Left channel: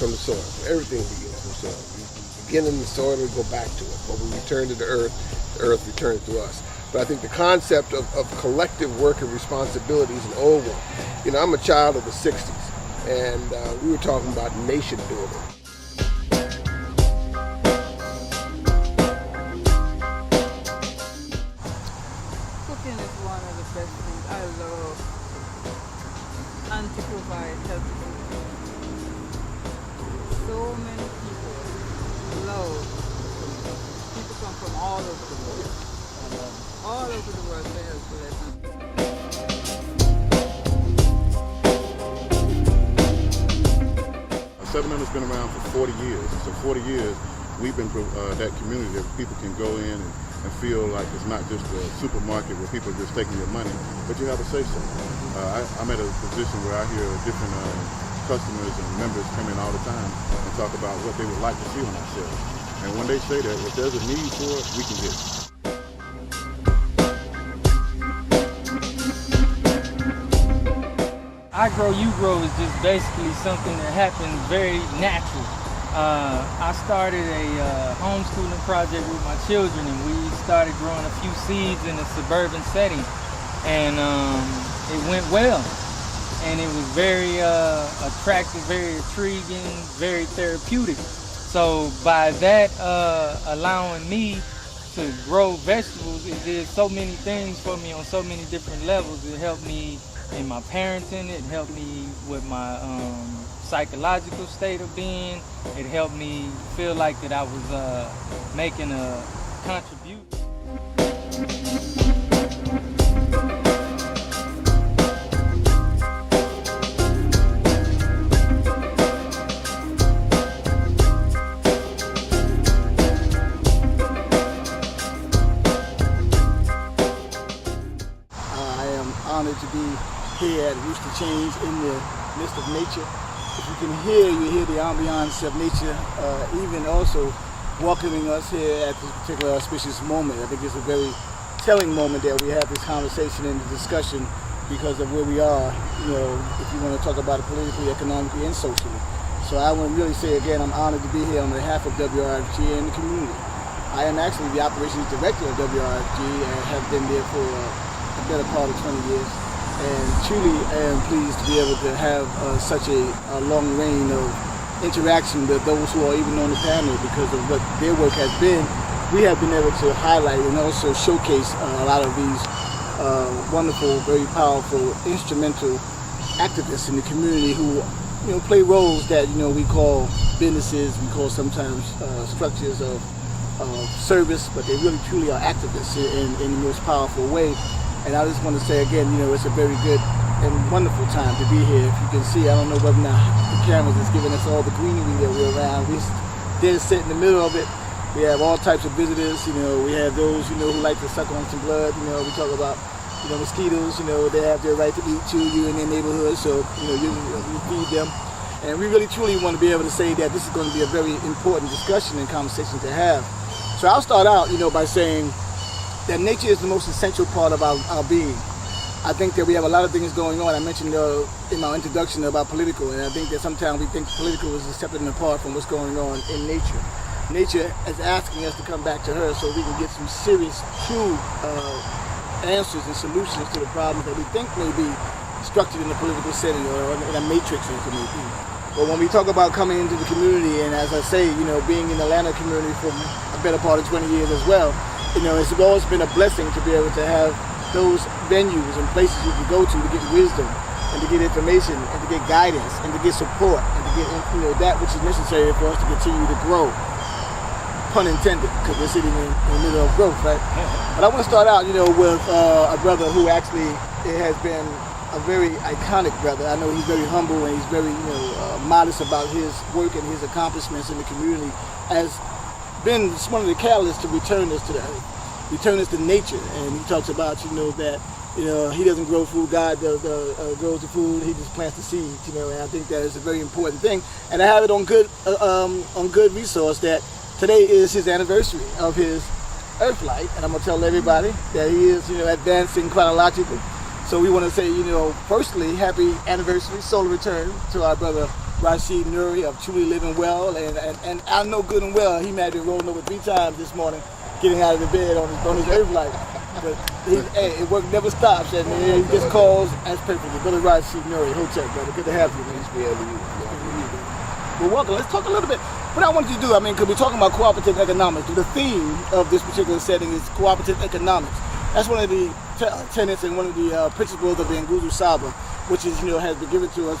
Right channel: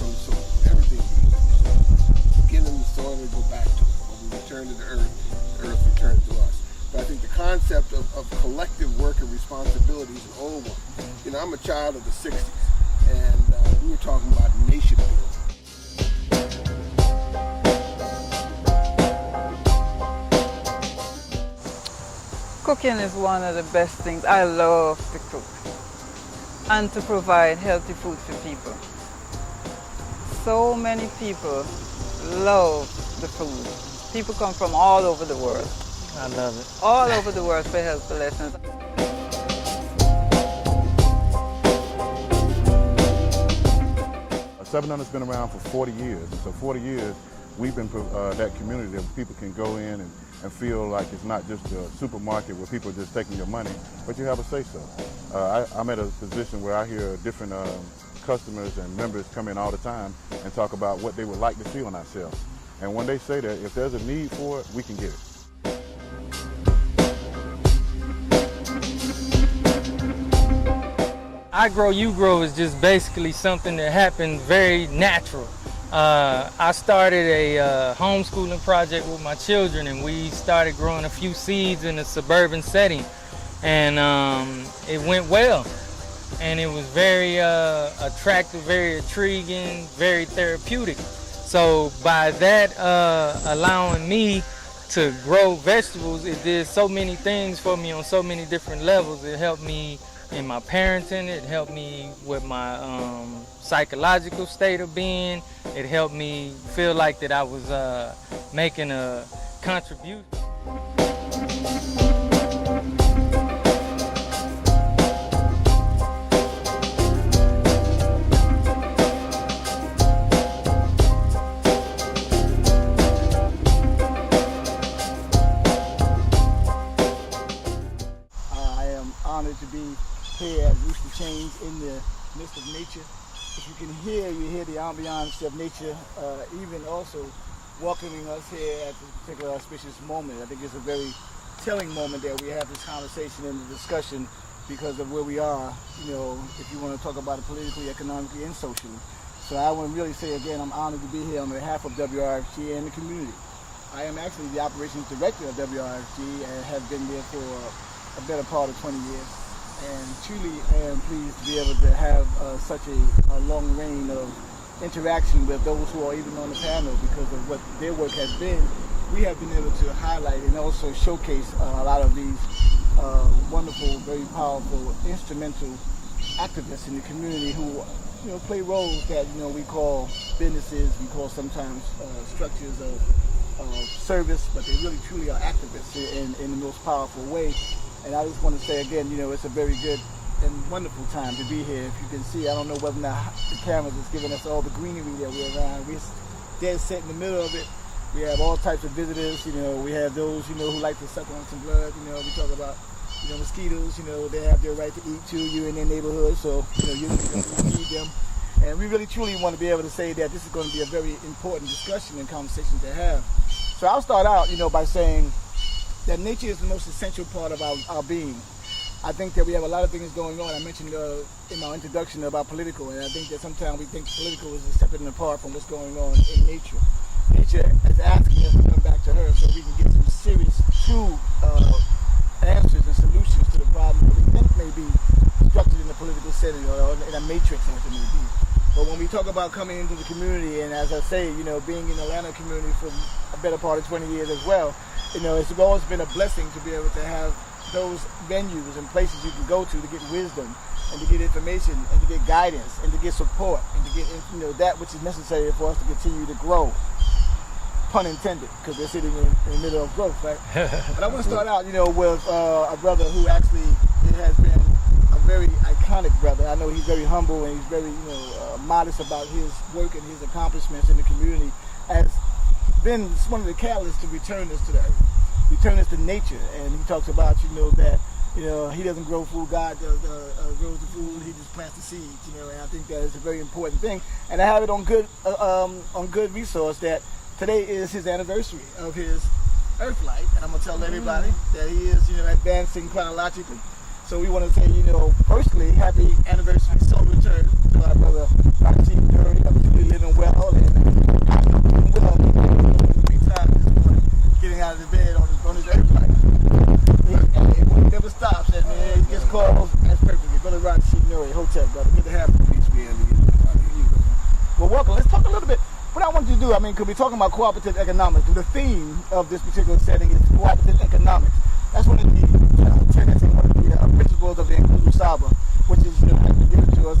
from the soil. Everything begins from the soil. We begin in the soil and we go back to it. But we return to the earth returns to us. But I think the concept of collective work and responsibility is an old one. You know, I'm a child of the 60s, and we were talking about nation building. Cooking is one of the best things. I love to cook and to provide healthy food for people. So many people love the food. People come from all over the world. I love it. All over the world for Healthful lessons. Sevananda's been around for 40 years. So 40 years, we've been that community that people can go in and feel like it's not just a supermarket where people are just taking your money, but you have a say-so. I'm in a position where I hear different customers and members come in all the time and talk about what they would like to see on our shelf. And when they say that, if there's a need for it, we can get it. I Grow, You Grow is just basically something that happens very natural. I started a homeschooling project with my children, and we started growing a few seeds in a suburban setting, and it went well. And it was very attractive, very intriguing, very therapeutic. So by that allowing me to grow vegetables, it did so many things for me on so many different levels. It helped me in my parenting, it helped me with my psychological state of being. It helped me feel like that I was making a contribution. To be here at Rooster Change in the midst of nature. If you can hear, you hear the ambiance of nature, even also welcoming us here at this particular auspicious moment. I think it's a very telling moment that we have this conversation and discussion because of where we are, you know, if you want to talk about it politically, economically, and socially. So I want to really say again, I'm honored to be here on behalf of WRFG and the community. I am actually the operations director of WRFG and have been there for a better part of 20 years. And truly I am pleased to be able to have such a long reign of interaction with those who are even on the panel because of what their work has been. We have been able to highlight and also showcase a lot of these wonderful, very powerful, instrumental activists in the community who, you know, play roles that, you know, we call businesses, we call sometimes structures of service, but they really truly are activists in the most powerful way. And I just want to say again, you know, it's a very good and wonderful time to be here. If you can see, I don't know whether or not the cameras is giving us all the greenery that we're around. We're dead set in the middle of it. We have all types of visitors, you know, we have those, you know, who like to suck on some blood, you know, we talk about, you know, mosquitoes, you know, they have their right to eat too, you in their neighborhood, so, you know, you feed them. And we really truly want to be able to say that this is going to be a very important discussion and conversation to have. So I'll start out, you know, by saying that nature is the most essential part of our being. I think that we have a lot of things going on. I mentioned in my introduction about political, and I think that sometimes we think political is separate and apart from what's going on in nature. Nature is asking us to come back to her so we can get some serious, true answers and solutions to the problems that we think may be structured in the political setting or in a matrix as it may be. But when we talk about coming into the community, and as I say, you know, being in the Atlanta community for a better part of 20 years as well, you know, it's always been a blessing to be able to have those venues and places you can go to get wisdom and to get information and to get guidance and to get support and to get, you know, that which is necessary for us to continue to grow. Pun intended, because we're sitting in the middle of growth, right? But I want to start out, you know, with a brother who actually has been a very iconic brother. I know he's very humble and he's very, you know, modest about his work and his accomplishments in the community. Has been one of the catalysts to return us to the earth, return us to nature. And he talks about, you know, that, you know, he doesn't grow food, God grows the food, he just plants the seeds, you know, and I think that is a very important thing. And I have it on good resource that today is his anniversary of his earth light, and I'm gonna tell everybody that he is, you know, advancing chronologically. So we want to say, firstly, happy anniversary, solar return to our brother Rashid Nuri of Truly Living Well. And I know good and well he might be rolling over 3 times this morning, getting out of the bed on his earth life. Hey, work never stops, and he gets calls as perfectly. Brother Rashid Nuri, Hotep, brother, good to have you. Thanks for having me. Well, welcome. Let's talk a little bit. What I want you to do, because we're talking about cooperative economics. The theme of this particular setting is cooperative economics. That's one of the tenets and one of the principles of the Nguzo Saba, which is, has been given to us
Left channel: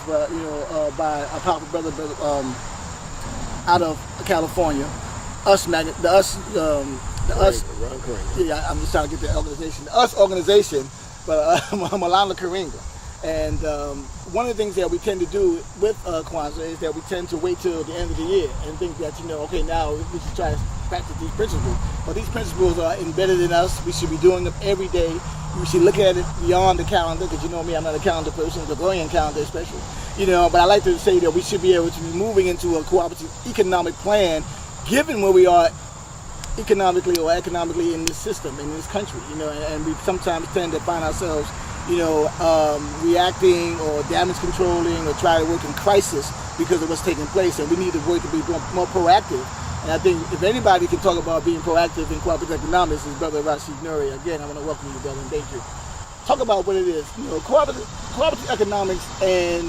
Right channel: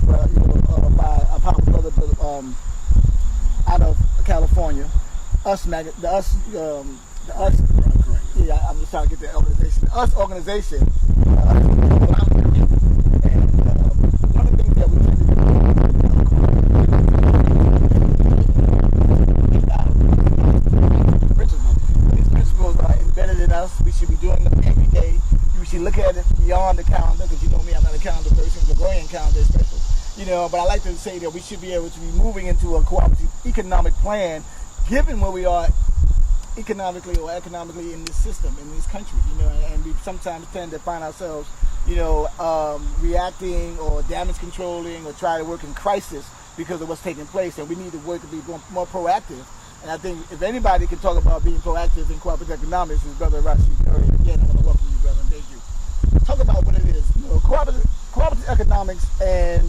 by a powerful brother out of California. I'm just trying to get the organization. The US organization, Malala Karinga. And one of the things that we tend to do with Kwanzaa is that we tend to wait till the end of the year and think that, okay, now we should try to practice these principles. Well, these principles are embedded in us. We should be doing them every day. We should look at it beyond the calendar, because you know me, I'm not a calendar person, the Gregorian calendar especially. But I like to say that we should be able to be moving into a cooperative economic plan, given where we are economically or economically in this system, in this country, and we sometimes tend to find ourselves, reacting or damage controlling or trying to work in crisis because of what's taking place, and we need to work to be more proactive. And I think if anybody can talk about being proactive in cooperative economics, is Brother Rashid Nuri. Again, I want to welcome you, brother, and thank you. Talk about what it is, cooperative economics and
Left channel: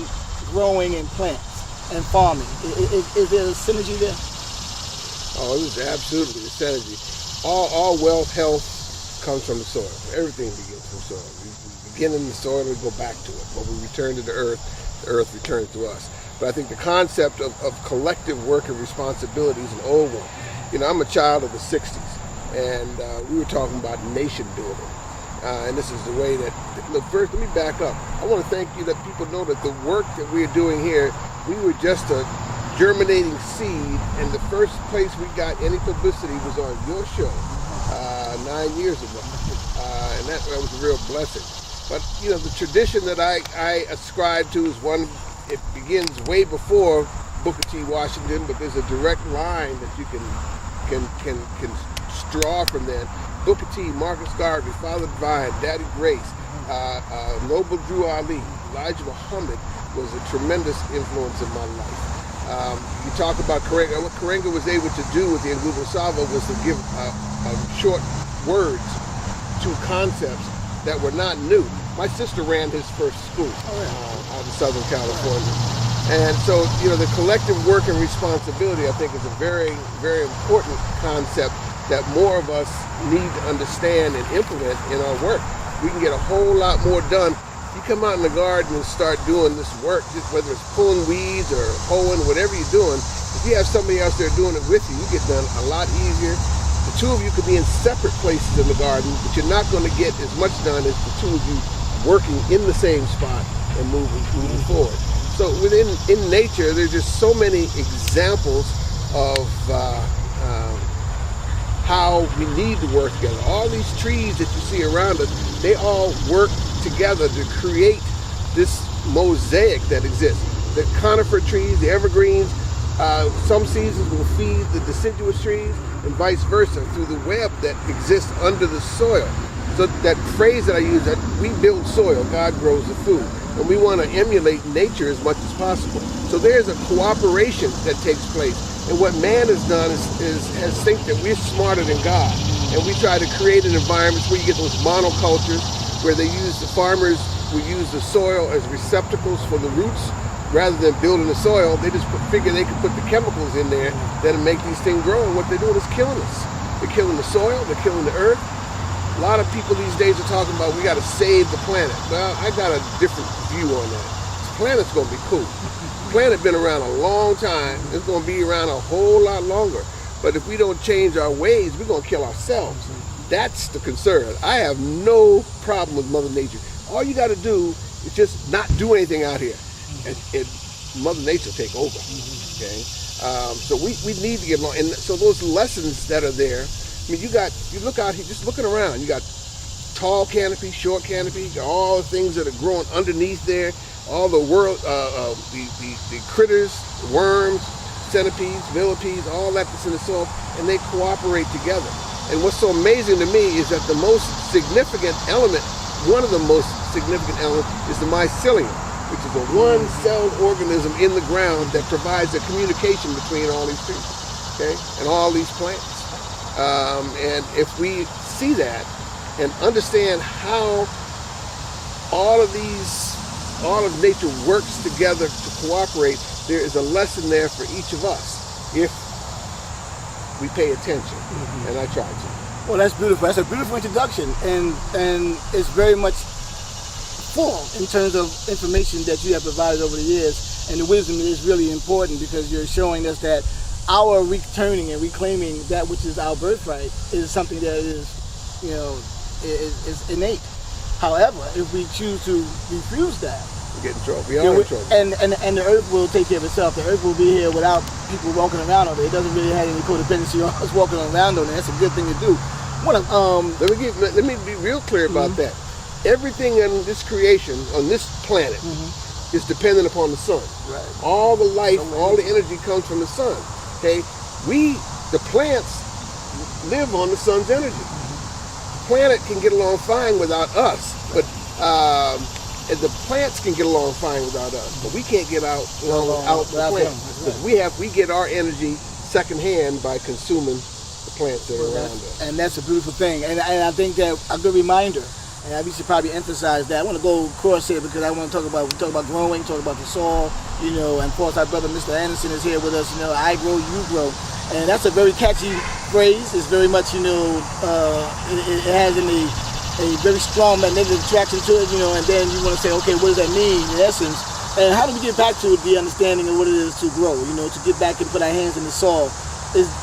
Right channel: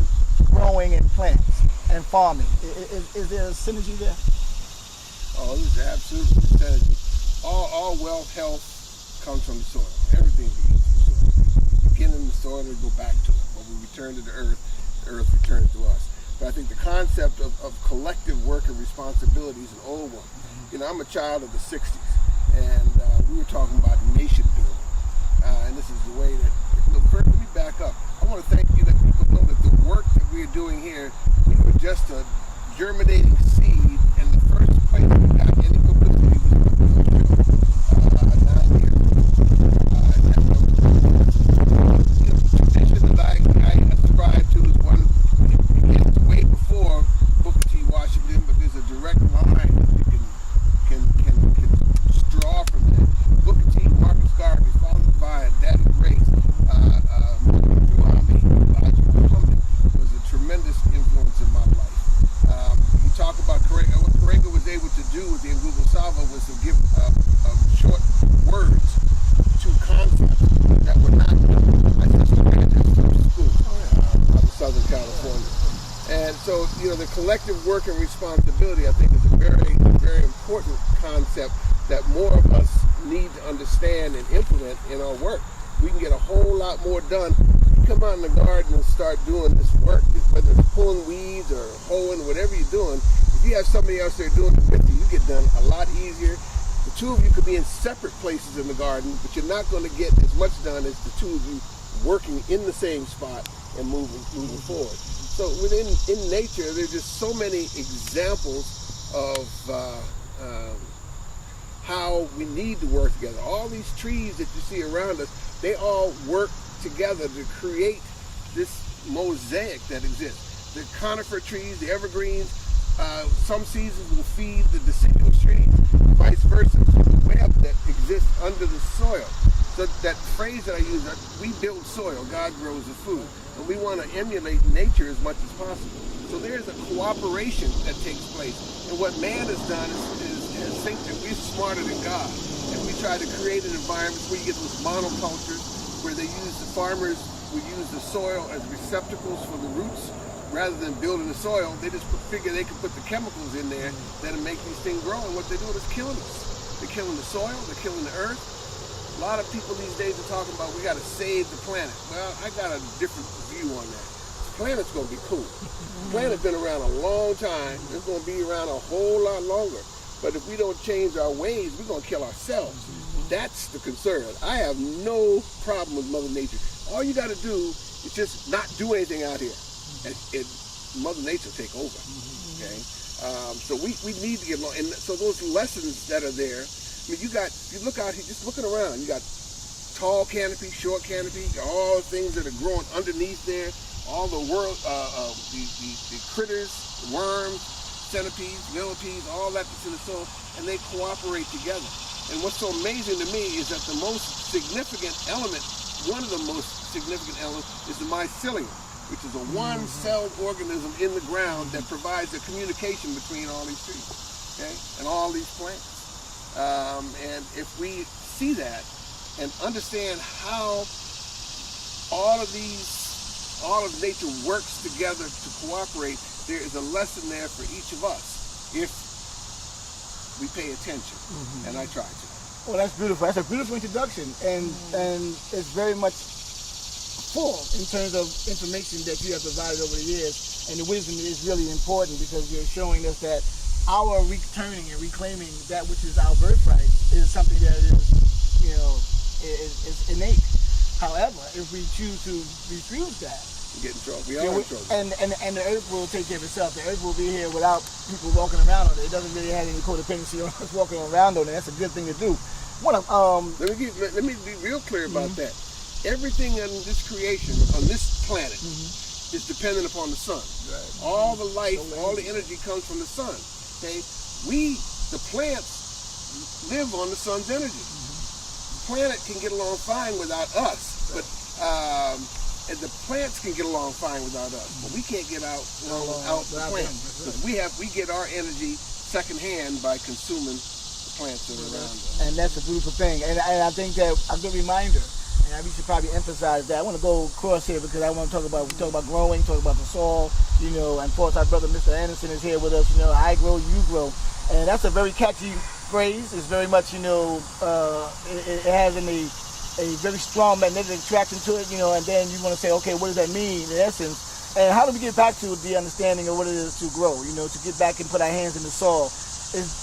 growing in plants and farming. Is there a synergy there? Oh, there's absolutely a synergy. All wealth, health comes from the soil. Everything begins from the soil. We begin in the soil and we go back to it. When we return to the earth returns to us. But I think the concept of collective work and responsibility is an old one. I'm a child of the 60s, and we were talking about nation building. And this is the way that, look, first, let me back up. I want to thank you that people know that the work that we're doing here, we were just a germinating seed, and the first place we got any publicity was on your show 9 years ago. And that was a real blessing. But, the tradition that I ascribe to is one, it begins way before Booker T. Washington, but there's a direct line that you can draw from that. Booker T, Marcus Garvey, Father Divine, Daddy Grace, Noble Drew Ali, Elijah Muhammad was a tremendous influence in my life. You talk about Karenga. What Karenga was able to do with the Nguzo Saba was to give short words to concepts that were not new. My sister ran his first school out in Southern California. And so, the collective work and responsibility, I think, is a very, very important concept that more of us need to understand and implement in our work. We can get a whole lot more done. You come out in the garden and start doing this work, just whether it's pulling weeds or hoeing, whatever you're doing, if you have somebody else there doing it with you, you get done a lot easier. The two of you could be in separate places in the garden, but you're not going to get as much done as the two of you working in the same spot and moving forward. So in nature, there's just so many examples of how we need to work together. All these trees that you see around us, they all work together to create this mosaic that exists. The conifer trees, the evergreens, some seasons will feed the deciduous trees and vice versa through the web that exists under the soil. So that phrase that I use, that we build soil, God grows the food. And we want to emulate nature as much as possible. So there's a cooperation that takes place. And what man has done has think that we're smarter than God. And we try to create an environment where you get those monocultures, where the farmers will use the soil as receptacles for the roots. Rather than building the soil, they just figure they can put the chemicals in there that'll make these things grow. And what they're doing is killing us. They're killing the soil, they're killing the earth. A lot of people these days are talking about we got to save the planet. Well, I got a different view on that. The planet's going to be cool. The planet's been around a long time. It's going to be around a whole lot longer. But if we don't change our ways, we're going to kill ourselves. That's the concern. I have no problem with Mother Nature. All you got to do is just not do anything out here, and Mother Nature will take over. Okay, so we need to get along. And so those lessons that are there. I mean, you look out here, just looking around, you got tall canopy, short canopy, all the things that are growing underneath there, all the the critters, worms, centipedes, millipedes, all that's in the soil, and they cooperate together. And what's so amazing to me is that the most significant element, one of the most significant element is the mycelium, which is a one-celled organism in the ground that provides a communication between all these trees, okay, and all these plants. And if we see that and understand how all of nature works together to cooperate, there is a lesson there for each of us if we pay attention, and I try to. Well, that's beautiful. That's a beautiful introduction, and it's very much full in terms of information that you have provided over the years, and the wisdom is really important because you're showing us that our returning and reclaiming that which is our birthright is something that is, you know, is innate. However, if we choose to refuse that, we get in trouble. We are in trouble. And the earth will take care of itself. The earth will be here without people walking around on it. It doesn't really have any codependency on us walking around on it. That's a good thing to do. Let me be real clear about that. Everything in this creation, on this planet, is dependent upon the sun. Right. All the life, all the energy comes from the sun. Okay, the plants, live on the sun's energy. The planet can get along fine without us, but the plants can get along fine without us, but we can't get along without the plants, because we get our energy secondhand by consuming the plants that are around us. And that's a beautiful thing, and I think that a good reminder. And we should probably emphasize that. I want to go across here because I want to talk about growing, talk about the soil, you know, and of course our brother Mr. Anderson is here with us, you know, I grow, you grow. And that's a very catchy phrase. It's very much, you know, it has a very strong magnetic attraction to it, you know, and then you want to say, okay, what does that mean in essence? And how do we get back to the understanding of what it is to grow, you know, to get back and put our hands in the soil?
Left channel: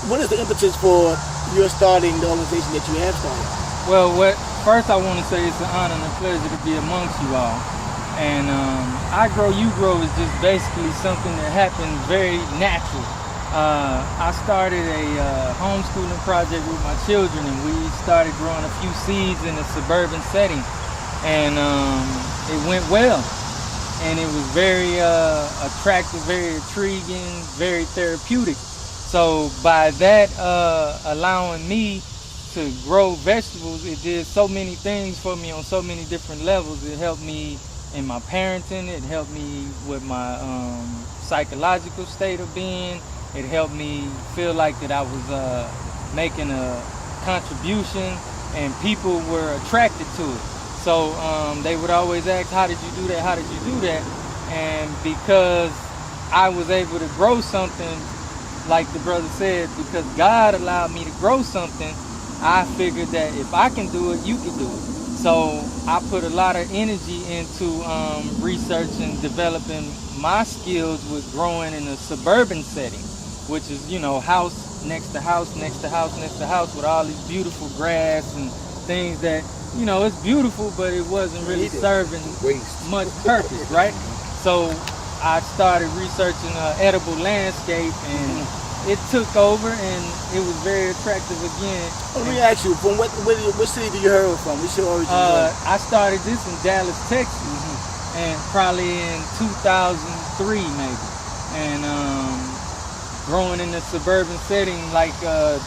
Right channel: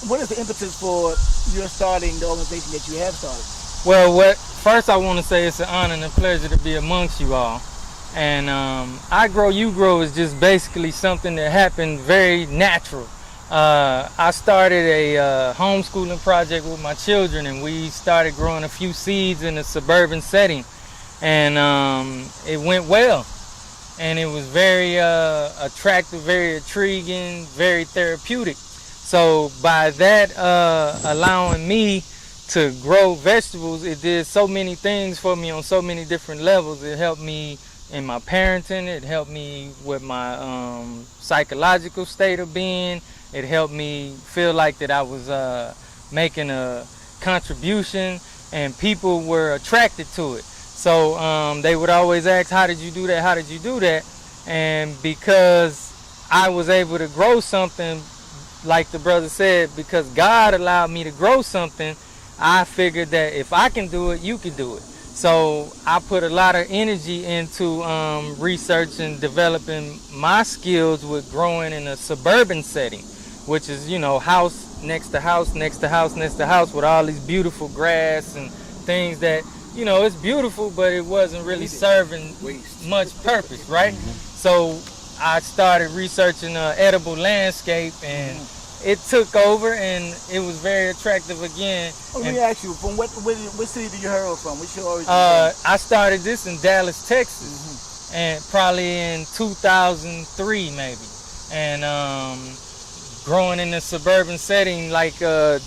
What is the impetus for your starting the organization that you have started? Well, first I want to say it's an honor and a pleasure to be amongst you all. And I Grow, You Grow is just basically something that happened very natural. I started a homeschooling project with my children, and we started growing a few seeds in a suburban setting. And it went well. And it was very attractive, very intriguing, very therapeutic. So by that allowing me to grow vegetables, it did so many things for me on so many different levels. It helped me in my parenting, it helped me with my psychological state of being, it helped me feel like that I was making a contribution and people were attracted to it. So they would always ask, how did you do that, how did you do that? And because I was able to grow something, like the brother said, because God allowed me to grow something, I figured that if I can do it, you can do it. So I put a lot of energy into research and developing my skills with growing in a suburban setting, which is, you know, house next to house, next to house, next to house, with all these beautiful grass and things that, you know, it's beautiful, but it wasn't really serving much purpose, right? So I started researching edible landscape, and it took over, and it was very attractive again. Let me ask you, from what city did you hear from? What's your origin? I started this in Dallas, Texas, and probably in 2003 maybe. And growing in the suburban setting, like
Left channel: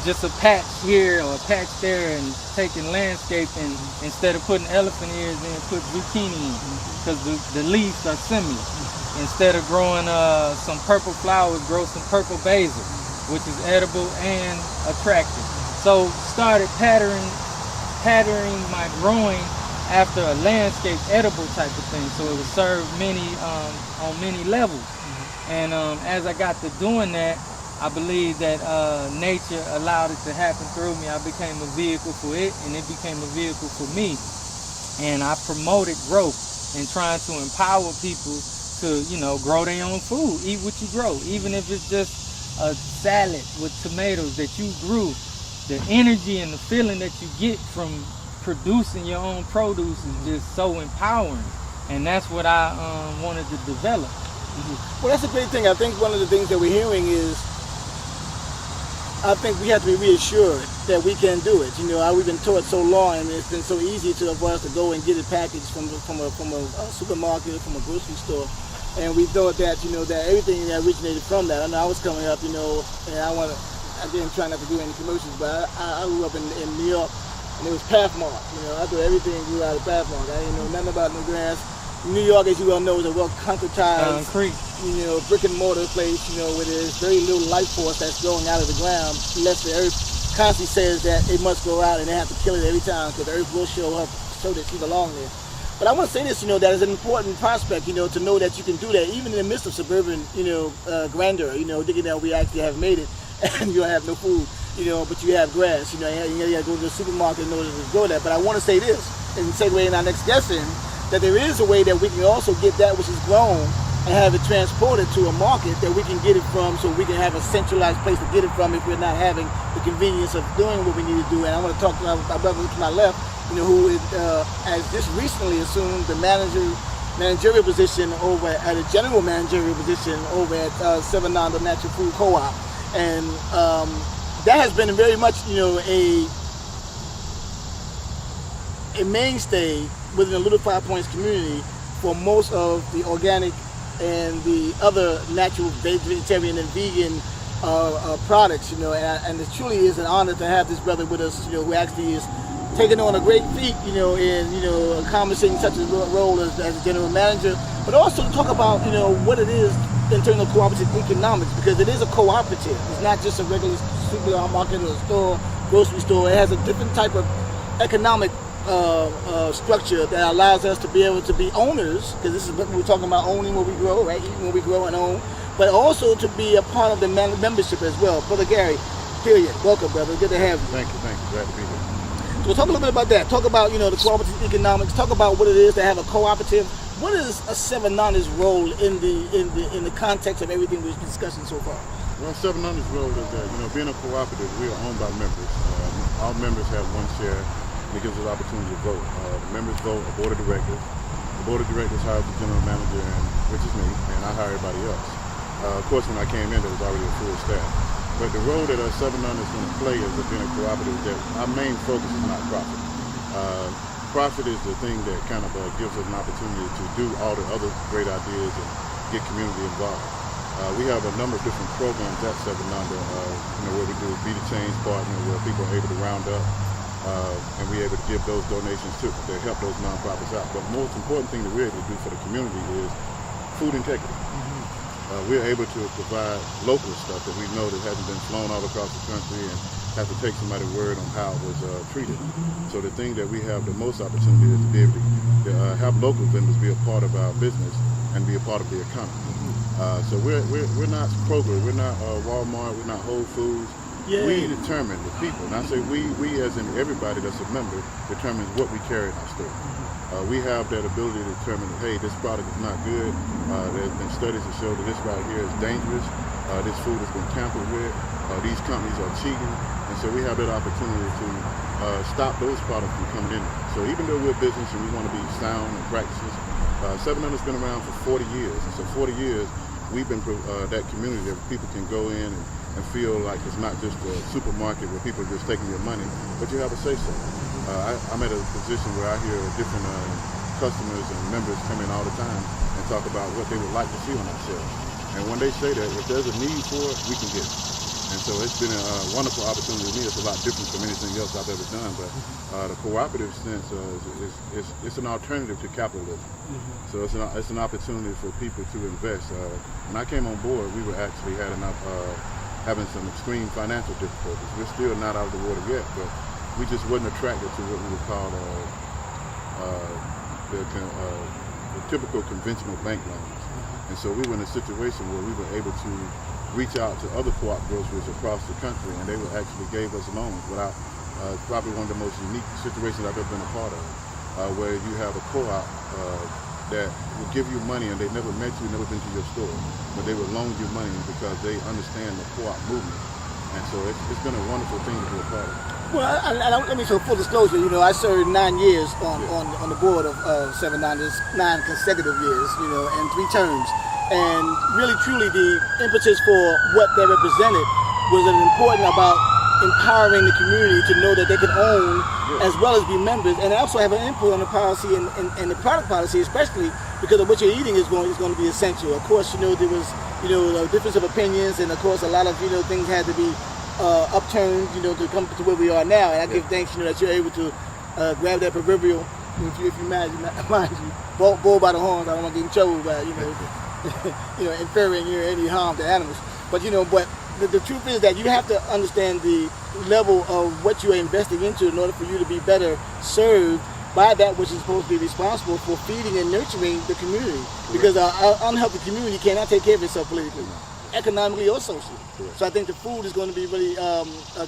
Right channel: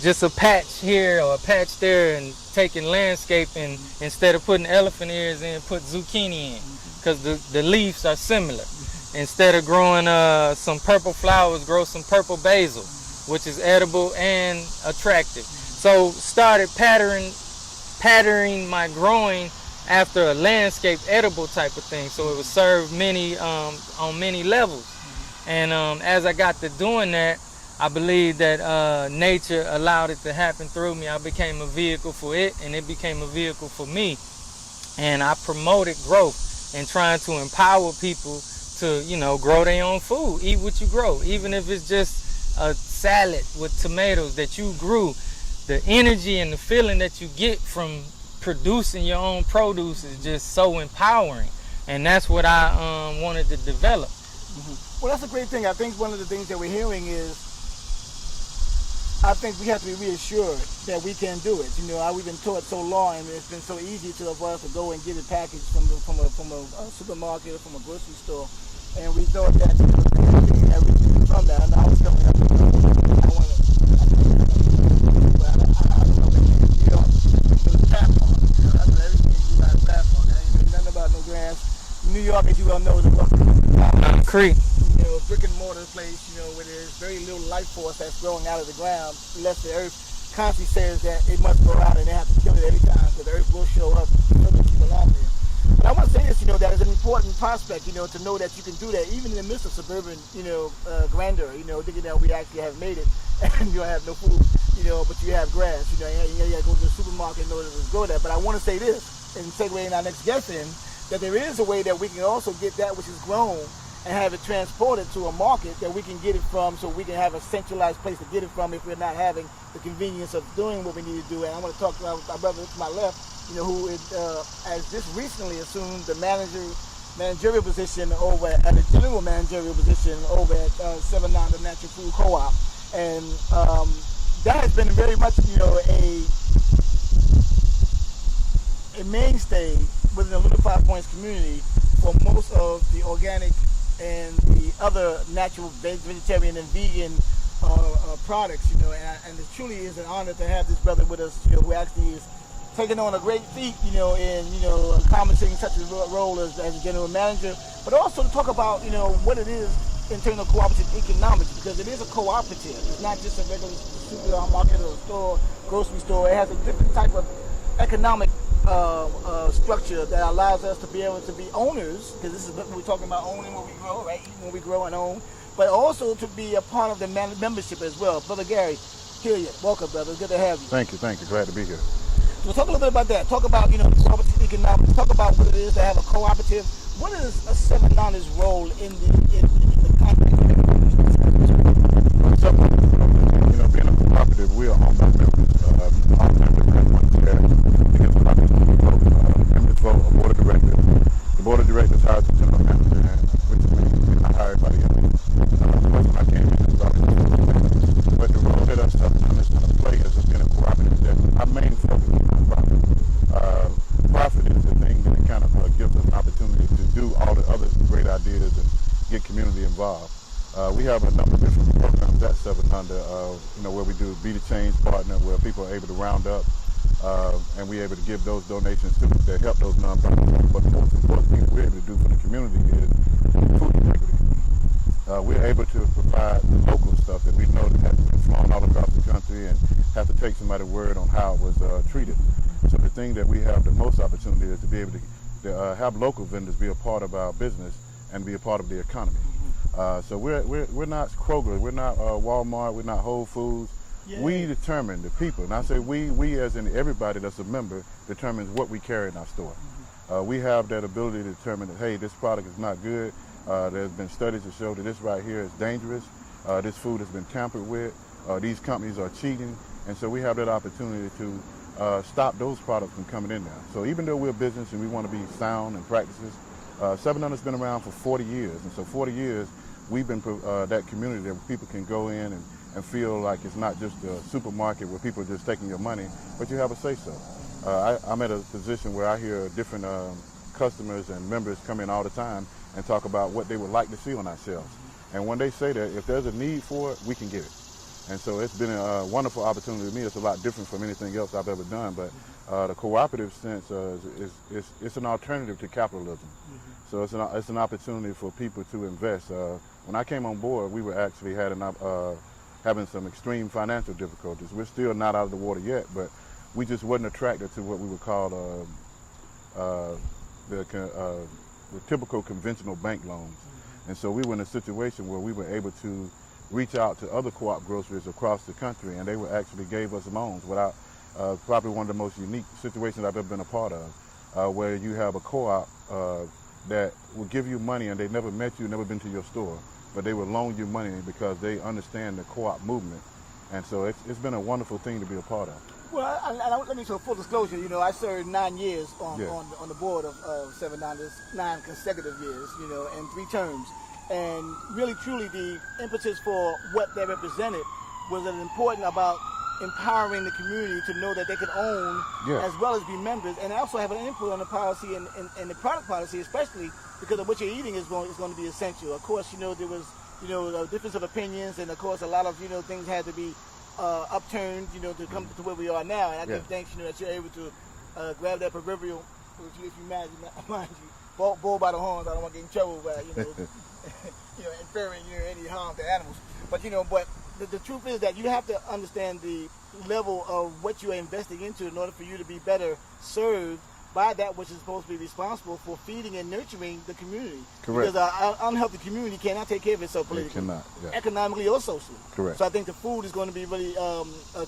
just a patch here or a patch there, and taking landscape, and instead of putting elephant ears in, put zucchini in, because the leaves are similar. Instead of growing some purple flowers, grow some purple basil, which is edible and attractive. So started patterning my growing after a landscape edible type of thing. So it would serve many on many levels. And as I got to doing that, I believe that nature allowed it to happen through me. I became a vehicle for it, and it became a vehicle for me. And I promoted growth and trying to empower people to, you know, grow their own food, eat what you grow, even if it's just a salad with tomatoes that you grew. The energy and the feeling that you get from producing your own produce is just so empowering, and that's what I wanted to develop. Well, that's a great thing. I think one of the things that we're hearing is, I think we have to be reassured that we can do it. You know, we've been taught so long, and it's been so easy for us to go and get it packaged from a supermarket, from a grocery store. And we thought that, you know, that everything that originated from that. And I was coming up, you know, and I didn't try not to do any commercials, but I grew up in New York, and it was Pathmark. You know, I do everything blue out of Pathmark. I ain't know nothing about no grass. New York, as you well know, is a well-concretized, Concrete. brick and mortar place, where there's very little life force that's going out of the ground, unless the earth constantly says that it must go out and they have to kill it every time because the earth will show up so that you belong there. But I want to say this, that is an important prospect, to know that you can do that even in the midst of suburban, grandeur, thinking that we actually have made it and you don't have no food, but you have grass, you gotta go to the supermarket in order to grow that. But I want to say this, and segue in our next guest in, that there is a way that we can also get that which is grown and have it transported to a market that we can get it from, so we can have a centralized place to get it from if we're not having the convenience of doing what we need to do. And I want to talk to my brother to my left, who has just recently assumed the managerial position over at a general managerial position over at Sevananda Natural Food Co-op. And that has been very much, a mainstay within the Little Five Points community for most of the organic and the other natural vegetarian and vegan products, and it truly is an honor to have this brother with us, who actually is taking on a great feat, in accomplishing such a role as a general manager, but also to talk about, what it is in terms of cooperative economics, because it is a cooperative. It's not just a regular supermarket or store, grocery store. It has a different type of economic structure that allows us to be able to be owners, because this is what we're talking about, owning what we grow, right? Eating what we grow and own, but also to be a part of the membership as well. Brother Gary, Hilliard, welcome, brother. Good to have you. Thank you. Glad to be here. So talk a little bit about that. Talk about, the cooperative economics. Talk about what it is to have a cooperative. What is a Sevananda's role in the context of everything we've been discussing so far? Well, Sevananda's role is, being a cooperative, we are owned by members. All members have one share. It gives us opportunity to vote. Members vote, the board of directors. The board of directors hires the general manager, which is me, and I hire everybody else. Of course, when I came in, there was already a full staff. But the role that Sevananda is going to play as being a cooperative is that our main focus is not profit. Profit is the thing that kind of gives us an opportunity to do all the other great ideas and get community involved. We have a number of different programs at Sevananda, where we do Be the Change Partner, where people are able to round up and we're able to give those donations too, to help those nonprofits out. But the most important thing that we're able to do for the community is food integrity. We're able to provide local stuff that we know that hasn't been flown all across the country and have to take somebody's word on how it was treated. So the thing that we have the most opportunity is to be able to have local vendors be a part of our business and be a part of the economy. So we're not Kroger, we're not Walmart, we're not Whole Foods. Yeah. We determine, the people, and I say we as in everybody that's a member, determines what we carry in our store. We have that ability to determine, hey, this product is not good. There's been studies that show that this right here is dangerous. This food has been tampered with. These companies are cheating. And so we have that opportunity to stop those products from coming in. So even though we're a business and we want to be sound in practices, Sevananda's been around for 40 years. And so 40 years, we've been that community that people can go in and feel like it's not just a supermarket where people are just taking your money, but you have a say-so. I'm at a position where I hear different customers and members come in all the time and talk about what they would like to see on our shelves. And when they say that, if there's a need for it, we can get it. And so it's been a wonderful opportunity to me. It's a lot different from anything else I've ever done, but the cooperative sense it's an alternative to capitalism. So it's an opportunity for people to invest. When I came on board, we were actually having some extreme financial difficulties. We're still not out of the water yet, but we just wasn't attracted to what we would call the typical conventional bank loans. And so we were in a situation where we were able to reach out to other co-op groceries across the country, and they actually gave us loans without probably one of the most unique situations I've ever been a part of, where you have a co-op that will give you money and they never met you, never been to your store, but they will loan you money because they understand the co-op movement. And so it's been a wonderful thing to be a part of. Well, let me show full disclosure. I served 9 years on the board of Sevananda's, 9 consecutive years, and 3 terms. And really, truly, the impetus for what they represented was important about empowering the community to know that they could own as well as be members, and also have an input on the policy and the product policy, especially because of what you're eating is going to be essential. Of course, there was a difference of opinions, and of course, a lot of things had to be upturned, to come to where we are now. And I give thanks, that you're able to grab that proverbial, if you mind you, bull by the horns. I don't want to get in trouble by inferring any harm to animals. But the truth is that you have to understand the level of what you are investing into in order for you to be better served by that which is supposed to be responsible for feeding and nurturing the community. Correct. Because an unhealthy community cannot take care of itself politically, economically, or socially. Correct. So I think the food is going to be really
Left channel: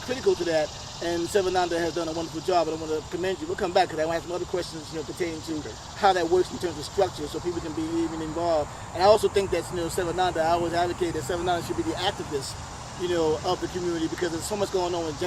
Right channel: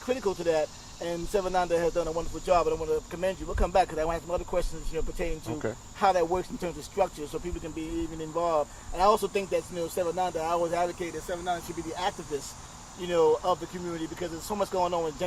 critical to that. And Sevananda has done a wonderful job, and I want to commend you. We'll come back because I have some other questions pertaining to how that works in terms of structure, so people can be even involved. And I also think that Sevananda, I always advocate that Sevananda should be the activist of the community, because there's so much going on with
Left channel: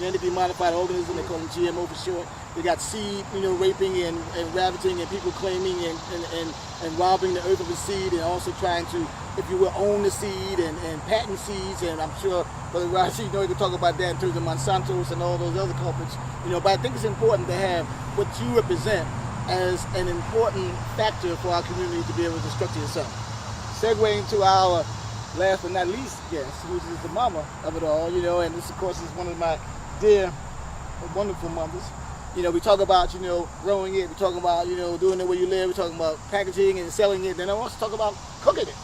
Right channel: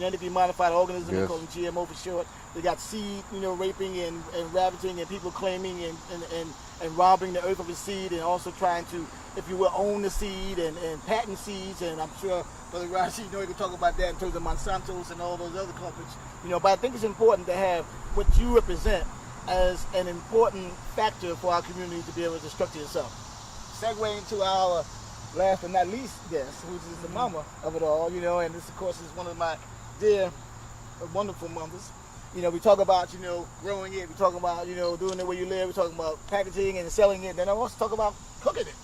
genetically modified organisms. They call them GMO for short. They got seed, raping and ravaging, and people claiming and robbing the earth of the seed, and also trying to, if you will, own the seed and patent seeds. And I'm sure Brother Rashid, you can talk about that in terms of Monsanto's and all those other culprits. But I think it's important to have what you represent as an important factor for our community to be able to structure yourself. Segueing to our last but not least guest, who is the mama of it all, and this, of course, is one of my dear, wonderful mamas. We talk about, growing it, we talk about, doing it where you live, we talk about packaging and selling it, then I want to talk about cooking it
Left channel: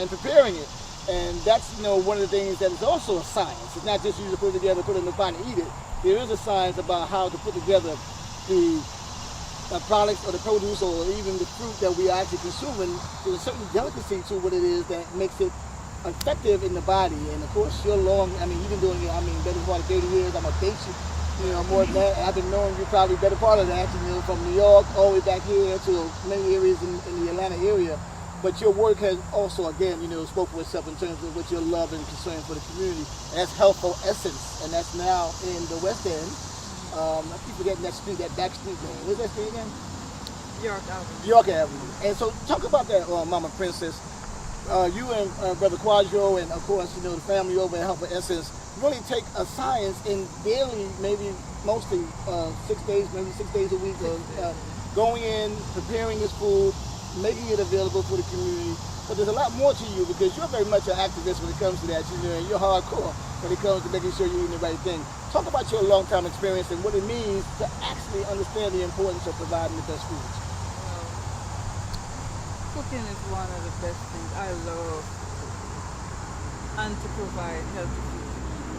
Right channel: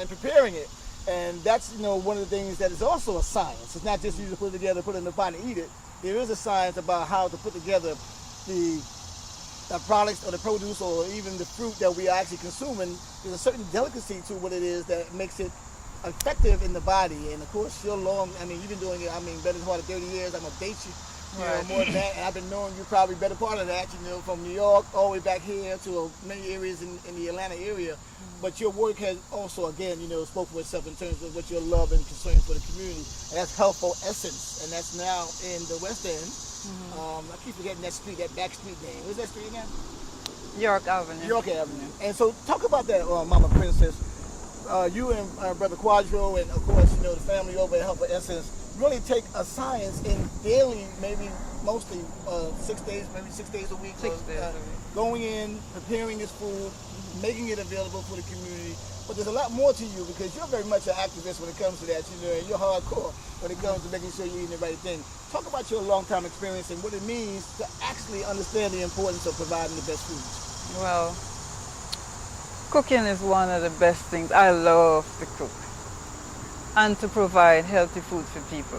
and preparing it. And that's, one of the things that is also a science. It's not just you to put it together, put it in the pot and eat it. There is a science about how to put together the products or the produce or even the fruit that we are actually consuming. There's a certain delicacy to what it is that makes it effective in the body. And of course, you've been doing it, better part of 30 years. I'm a date you, more than that. I've been knowing you probably better part of that, from New York all the way back here to many areas in the Atlanta area. But your work has also, again, spoke for itself in terms of what your love and concern for the community. And that's Healthful Essence, and that's now in the West End. I keep forgetting that street, that back street name. What's that street again? York Avenue. York Avenue. And so talk about that, Mama Princess. You and Brother Quadro, and of course, the family over at Healthful Essence really take a science in daily, maybe mostly 6 days, maybe 6 days a week, going in, preparing this food, making it available for the community. But there's a lot more to you, because you're very much an activist when it comes to that. And you're hardcore when it comes to making sure you're eating the right thing. Talk about your long-time experience and what it means to actually understand the importance of providing the best foods. Well, cooking is one of the best things. I love to cook and to provide healthy food for people.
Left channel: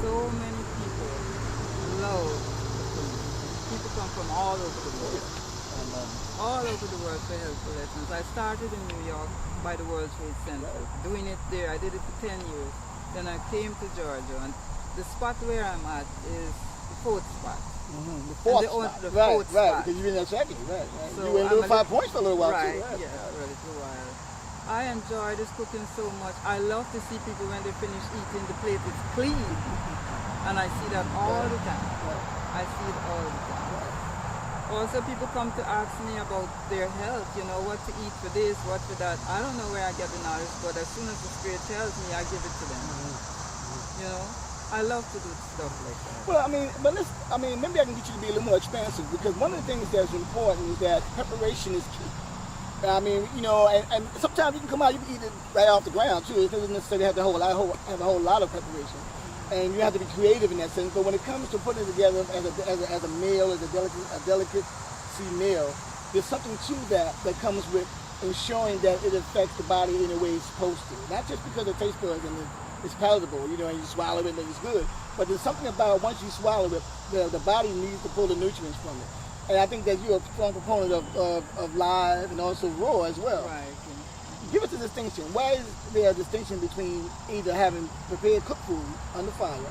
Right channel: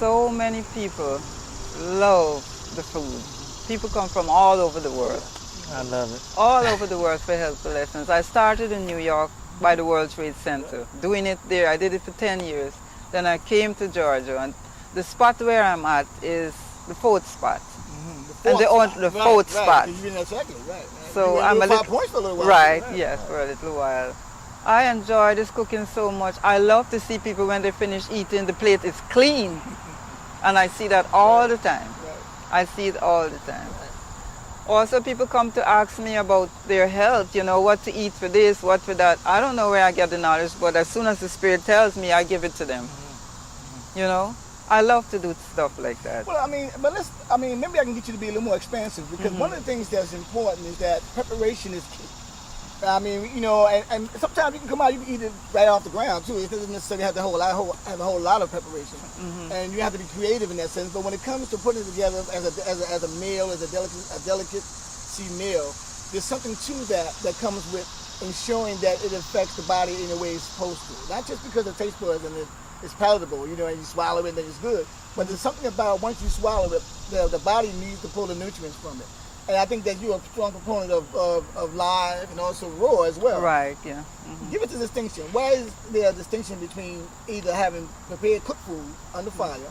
So many people love the food. People come from all over the world. I love it. All over the world for Healthful Lessons. I started in New York by the World Trade Center, doing it there. I did it for 10 years. Then I came to Georgia, and the spot where I'm at is the fourth spot. The fourth spot. So I'm a little, yes, for a little while. I enjoy this cooking so much. I love to see people when they finish eating, the plate is clean. And I see that all the time. I see it all the time. Also, people come to ask me about their health, what to eat for this, what for that. I don't know where I get the knowledge, but as soon as the Spirit tells me, I give it to them. I love to do stuff like that. Well, maybe I can get you to be a little more expansive, because one of the things that's important is that preparation is key. And sometimes you can come out, you can eat it right off the ground too. It doesn't necessarily have a whole lot of preparation, and you have to be creative in that sense. But when it comes to putting it together as a meal, as a delicacy meal, there's something to that comes with ensuring that it affects the body in the way it's supposed to. Not just because it tastes good and it's palatable, and you swallow it and it's good, but there's something about once you swallow it, the body needs to pull the nutrients from it. And I think that you're a strong proponent of live and also raw as well. Right, yeah. Give us a distinction. Why is there a distinction between either having prepared cooked food under fire,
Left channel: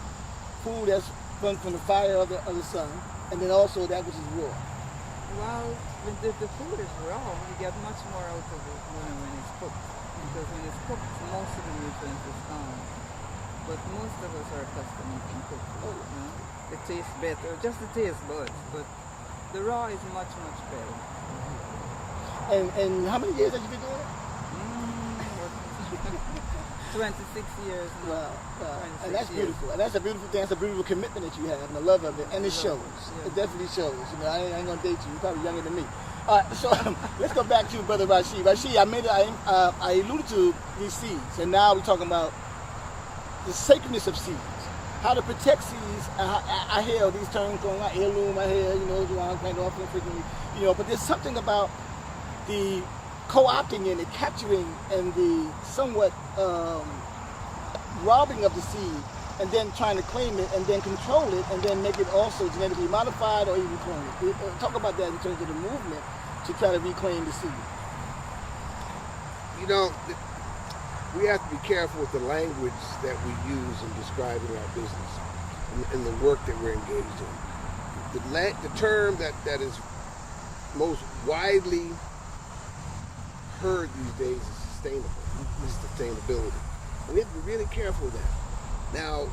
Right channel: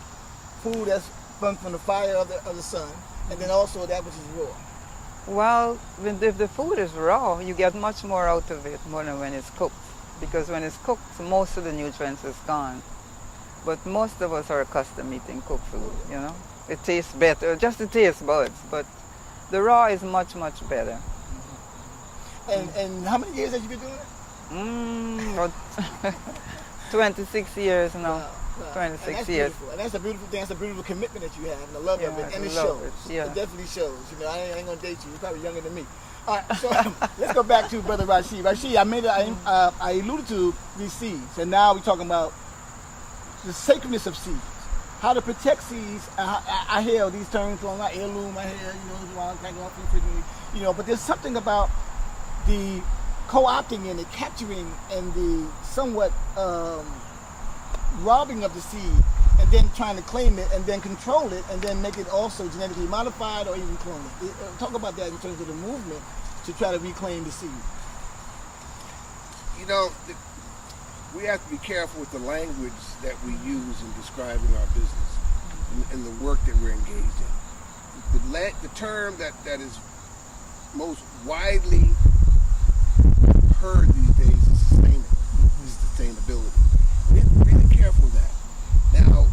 food that's from the fire of the sun, and then also that which is raw? Well, if the food is raw, you get much more out of it more than when it's cooked. Because when it's cooked, most of the nutrients is gone. But most of us are accustomed eating cooked food, It tastes better, just the taste buds, but the raw is much, much better. And how many years have you been doing it? 26 years now. 26 years. Beautiful. And that's a beautiful thing. That's a beautiful commitment that you have, and I love of it. And it shows. Yeah. It definitely shows. I ain't gonna date you. You're probably younger than me. All right, so let's go back to Brother Rashid. Rashid, I alluded to these seeds, and now we're talking about the sacredness of seeds. how to protect seeds. I hear these terms going like heirloom, I hear, but there's something about the co-opting and the capturing and the somewhat robbing of the seed and then trying to claim it and then control it and then make it also genetically modified or even cloned. Talk about that in terms of the movement to try to reclaim the seed. You know, we have to be careful with the language that we use in describing our business and the work that we're engaged in. The term that is most widely heard these days is sustainable, sustainability. We have to be really careful with that. Now,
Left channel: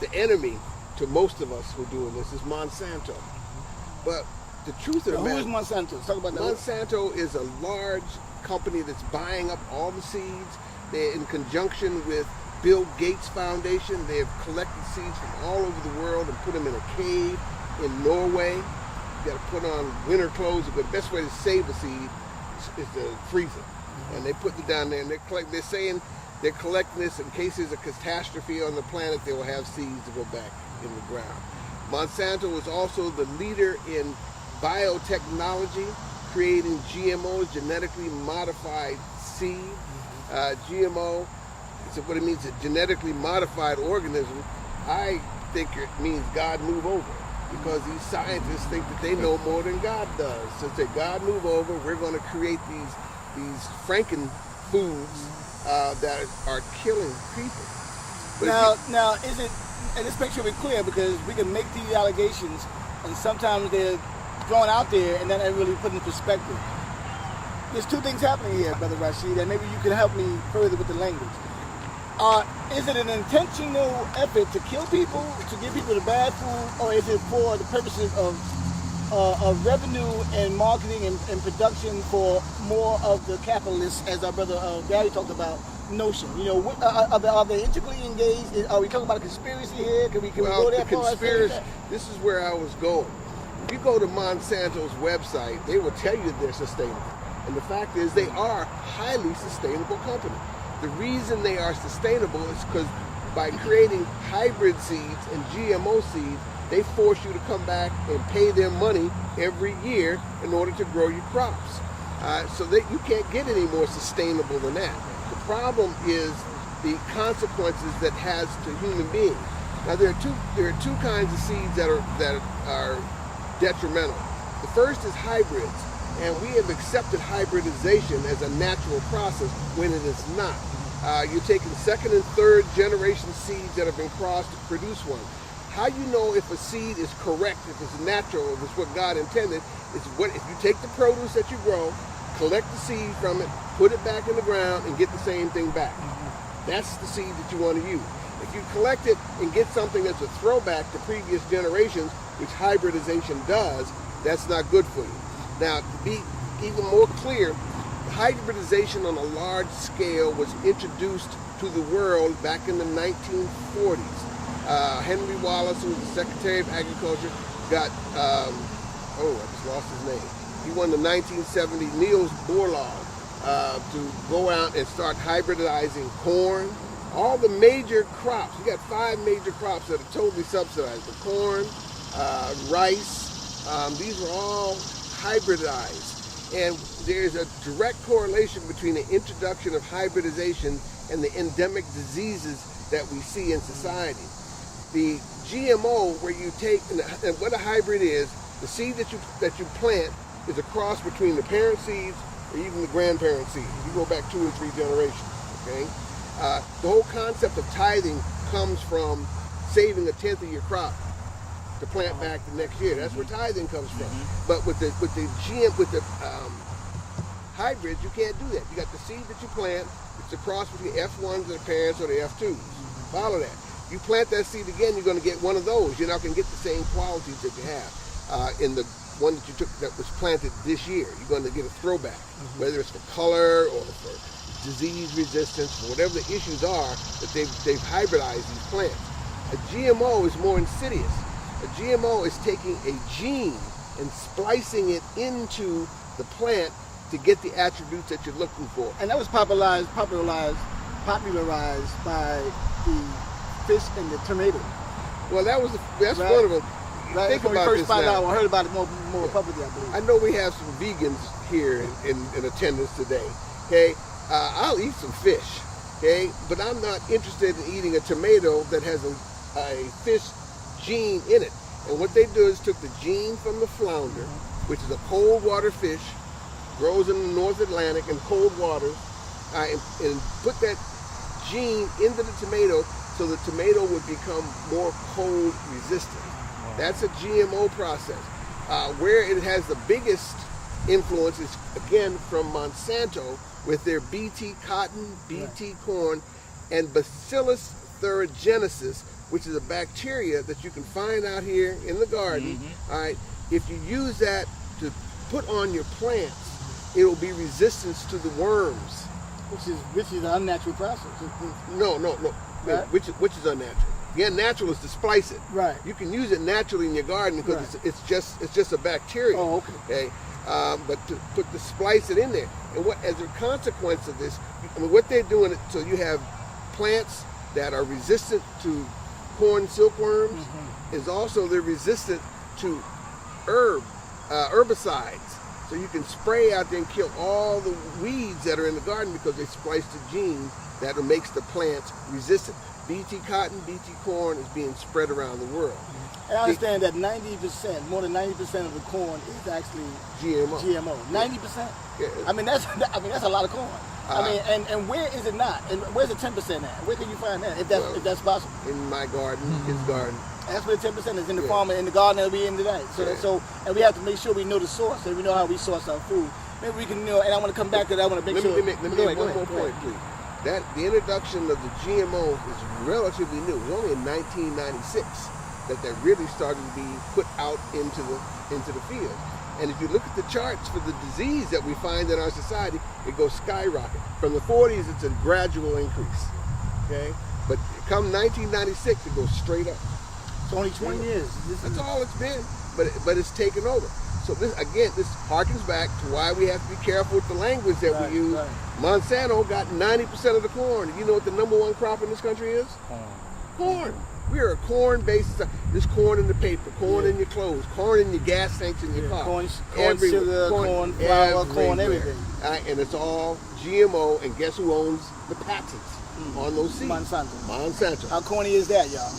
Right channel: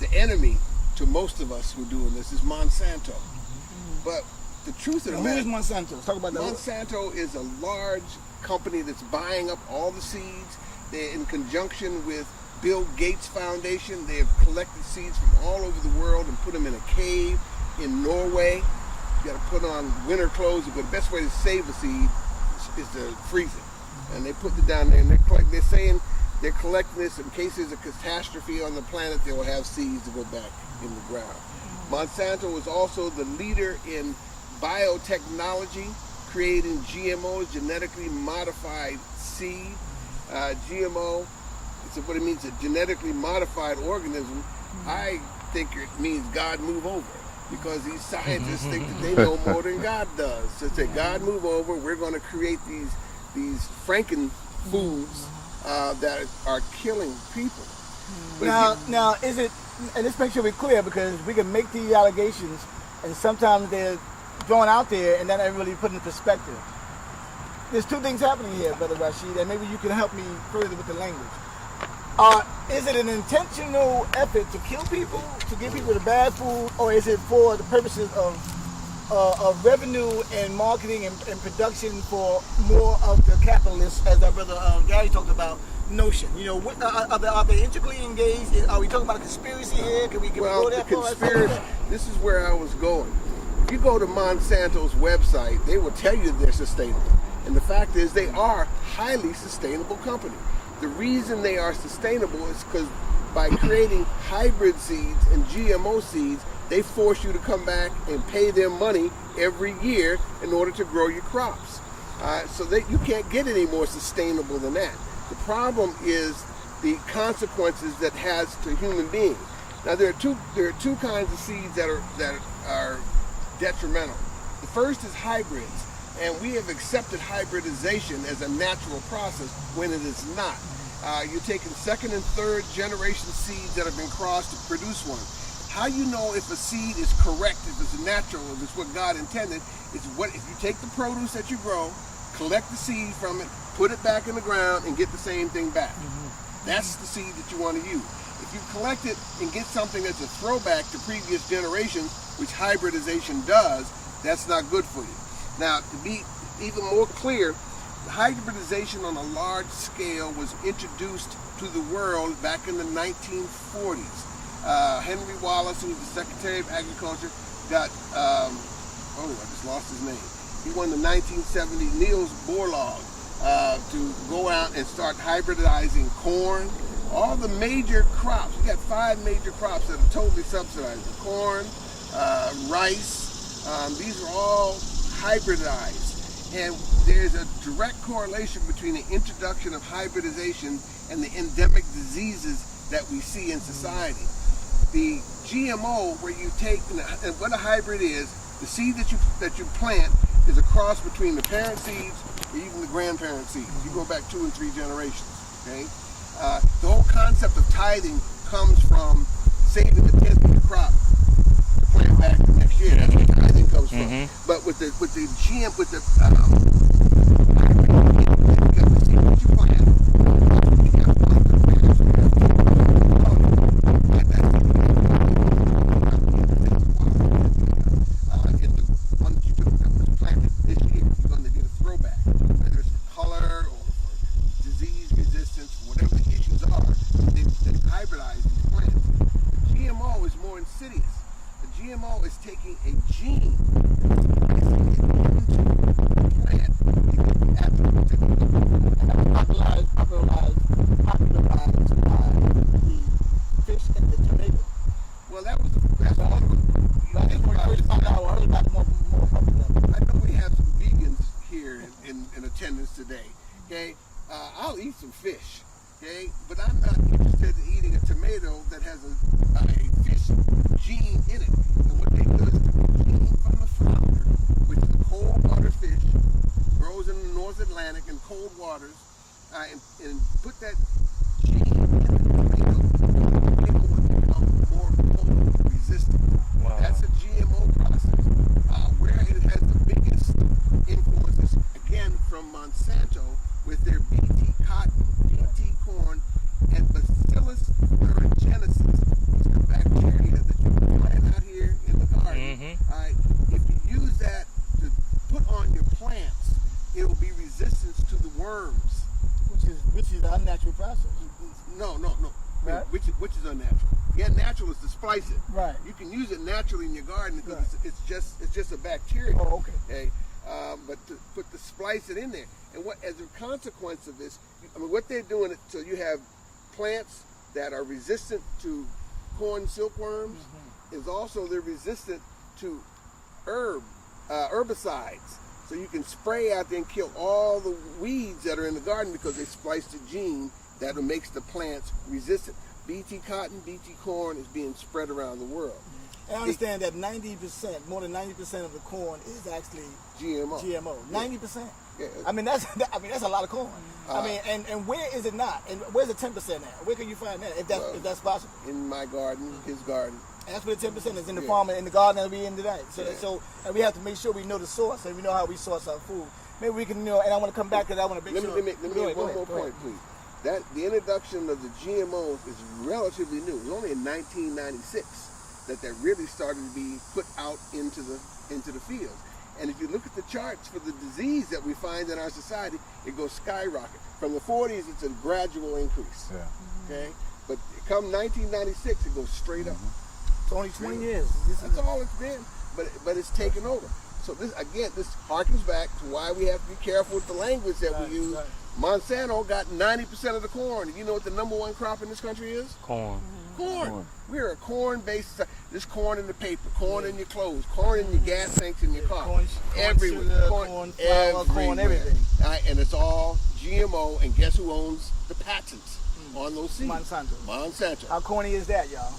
the enemy to most of us who are doing this is Monsanto. But the truth of the matter, who is Monsanto? Talk about that. Monsanto is a large company that's buying up all the seeds. They're in conjunction with Bill Gates Foundation. They have collected seeds from all over the world and put them in a cave in Norway. You got to put on winter clothes. The best way to save a seed is to freeze it. And they put it down there, and they're saying they're collecting this in case there's a catastrophe on the planet. They will have seeds to go back in the ground. Monsanto is also the leader in biotechnology, creating GMO, genetically modified seed. GMO, it's what it means, a genetically modified organism. I think it means God move over, because these scientists think that they know more than God does. So they say, God move over, we're going to create these Franken foods that are killing people. Now, is it, and let's make sure we're clear, because we can make the allegations and sometimes they're thrown out there and then they're really put in perspective. There's two things happening here, Brother Rashid, and maybe you can help me further with the language. Is it an intentional effort to kill people, to give people the bad food, or is it for the purposes of revenue and marketing and production for more of the capitalists, as our brother Gary talked about, notion? You know, are they intricately engaged? Are we talking about a conspiracy here? Can we go that far? Conspiracy, this is where I was going. If you go to Monsanto's website, they will tell you they're sustainable. And the fact is, they are a highly sustainable company. The reason they are sustainable is because by creating hybrid seeds and GMO seeds, they force you to come back and pay them money every year in order to grow your crops. So that you can't get any more sustainable than that. The problem is the consequences that has to human beings. Now there are two kinds of seeds that are detrimental. The first is hybrids. And we have accepted hybridization as a natural process when it is not. You're taking second and third generation seeds that have been crossed to produce one. How you know if a seed is correct, if it's natural, if it's what God intended, is what if you take the produce that you grow, collect the seed from it, put it back in the ground, and get the same thing back. That's the seed that you want to use. If you collect it and get something that's a throwback to previous generations, which hybridization does, that's not good for you. Now, to be even more clear, hybridization on a large scale was introduced to the world back in the 1940s. Henry Wallace, who was the Secretary of Agriculture, got, I just lost his name. He won the 1970 Niels Bohr Law to go out and start hybridizing corn. All the major crops, you got 5 major crops that are totally subsidized. The corn, rice, these are all hybridized, and there's a direct correlation between the introduction of hybridization and the endemic diseases that we see in society. The GMO, where you take, and what a hybrid is, the seed that you plant is a cross between the parent seeds or even the grandparent seeds. You go back 2 and 3 generations. Okay, the whole concept of tithing comes from saving a tenth of your crop to plant back the next year. That's where tithing comes from. But with the hybrid, you can't do that. You got the seed that you plant, it's a cross with the F1 to the parents or the F2. Follow that. You plant that seed again, you're going to get one of those. You're not going to get the same qualities that you have in the one that you took that was planted this year. You're going to get a throwback, whether it's for color or for disease resistance, or whatever the issues are that they've hybridized these plants. A GMO is more insidious. A GMO is taking a gene and splicing it into the plant to get the attributes that you're looking for. And that was popularized by the fish and the tomato. Well, that's Right. one of them. Right? Think When we about first this found now. out, I heard about it more publicly. I know we have some vegans here in attendance today. Okay, I'll eat some fish. Okay, but I'm not interested in eating a tomato that has a fish gene in it. And what they do is took the gene from the flounder, which is a cold water fish, grows in the North Atlantic in cold waters, and put that gene into the tomato so the tomato would become more cold resistant. Wow. That's a GMO process. Where it has the biggest influence is, again, from Monsanto with their BT cotton, BT corn, and Bacillus thuringiensis, which is a bacteria that you can find out here in the garden. All right, if you use that to put on your plants, it will be resistant to the worms. Which is an unnatural process. No, Right. which is unnatural. Again, natural is to splice it. Right. You can use it naturally in your garden because Right. it's just a bacteria. Oh, okay. But to splice it in there, and what as a consequence of this, I mean, what they're doing, so you have plants that are resistant to corn silkworms, is also they're resistant to herbicides. So you can spray out there and kill all the weeds that are in the garden because they spliced the gene that makes the plants resistant. BT cotton, BT corn is being spread around the world. I understand that 90%, more than 90% of the corn is actually GMO. 90%. Yeah. I mean that's a lot of corn. And where is it not? And where's the 10% at? Where can you find that? If that's possible. In my garden, his garden. That's where the 10% is in the Yeah. farm and in the garden that we're in today. Yeah. And we have to make sure we know the source and we know how we source our food. Maybe we can and I want to come back to that. I want to make sure. Let me Go make ahead, one more go ahead. point, please. That the introduction of the GMO is relatively new. It was only in 1996 that really started to be put out into the field. And if you look at the charts for the disease that we find in our society, it goes skyrocket. From the 40s, it's a gradual increase. Okay, but come 1996, it goes straight up. It's only 20 years. That's all it's been, but it's taken over. So this harkens back to why we have to be careful with the language that we use. Right. Monsanto got 90% of the corn. You know what the number one crop in this country is? Corn. Corn. We are a corn-based. There's corn in the paper, corn in your clothes, corn in your gas tanks in your car. Corn, Everywhere. sugar, corn, flour, corn, Everywhere. everything. And it's all GMO. And guess who owns the patents on those seeds? Monsanto. How corny is that, y'all?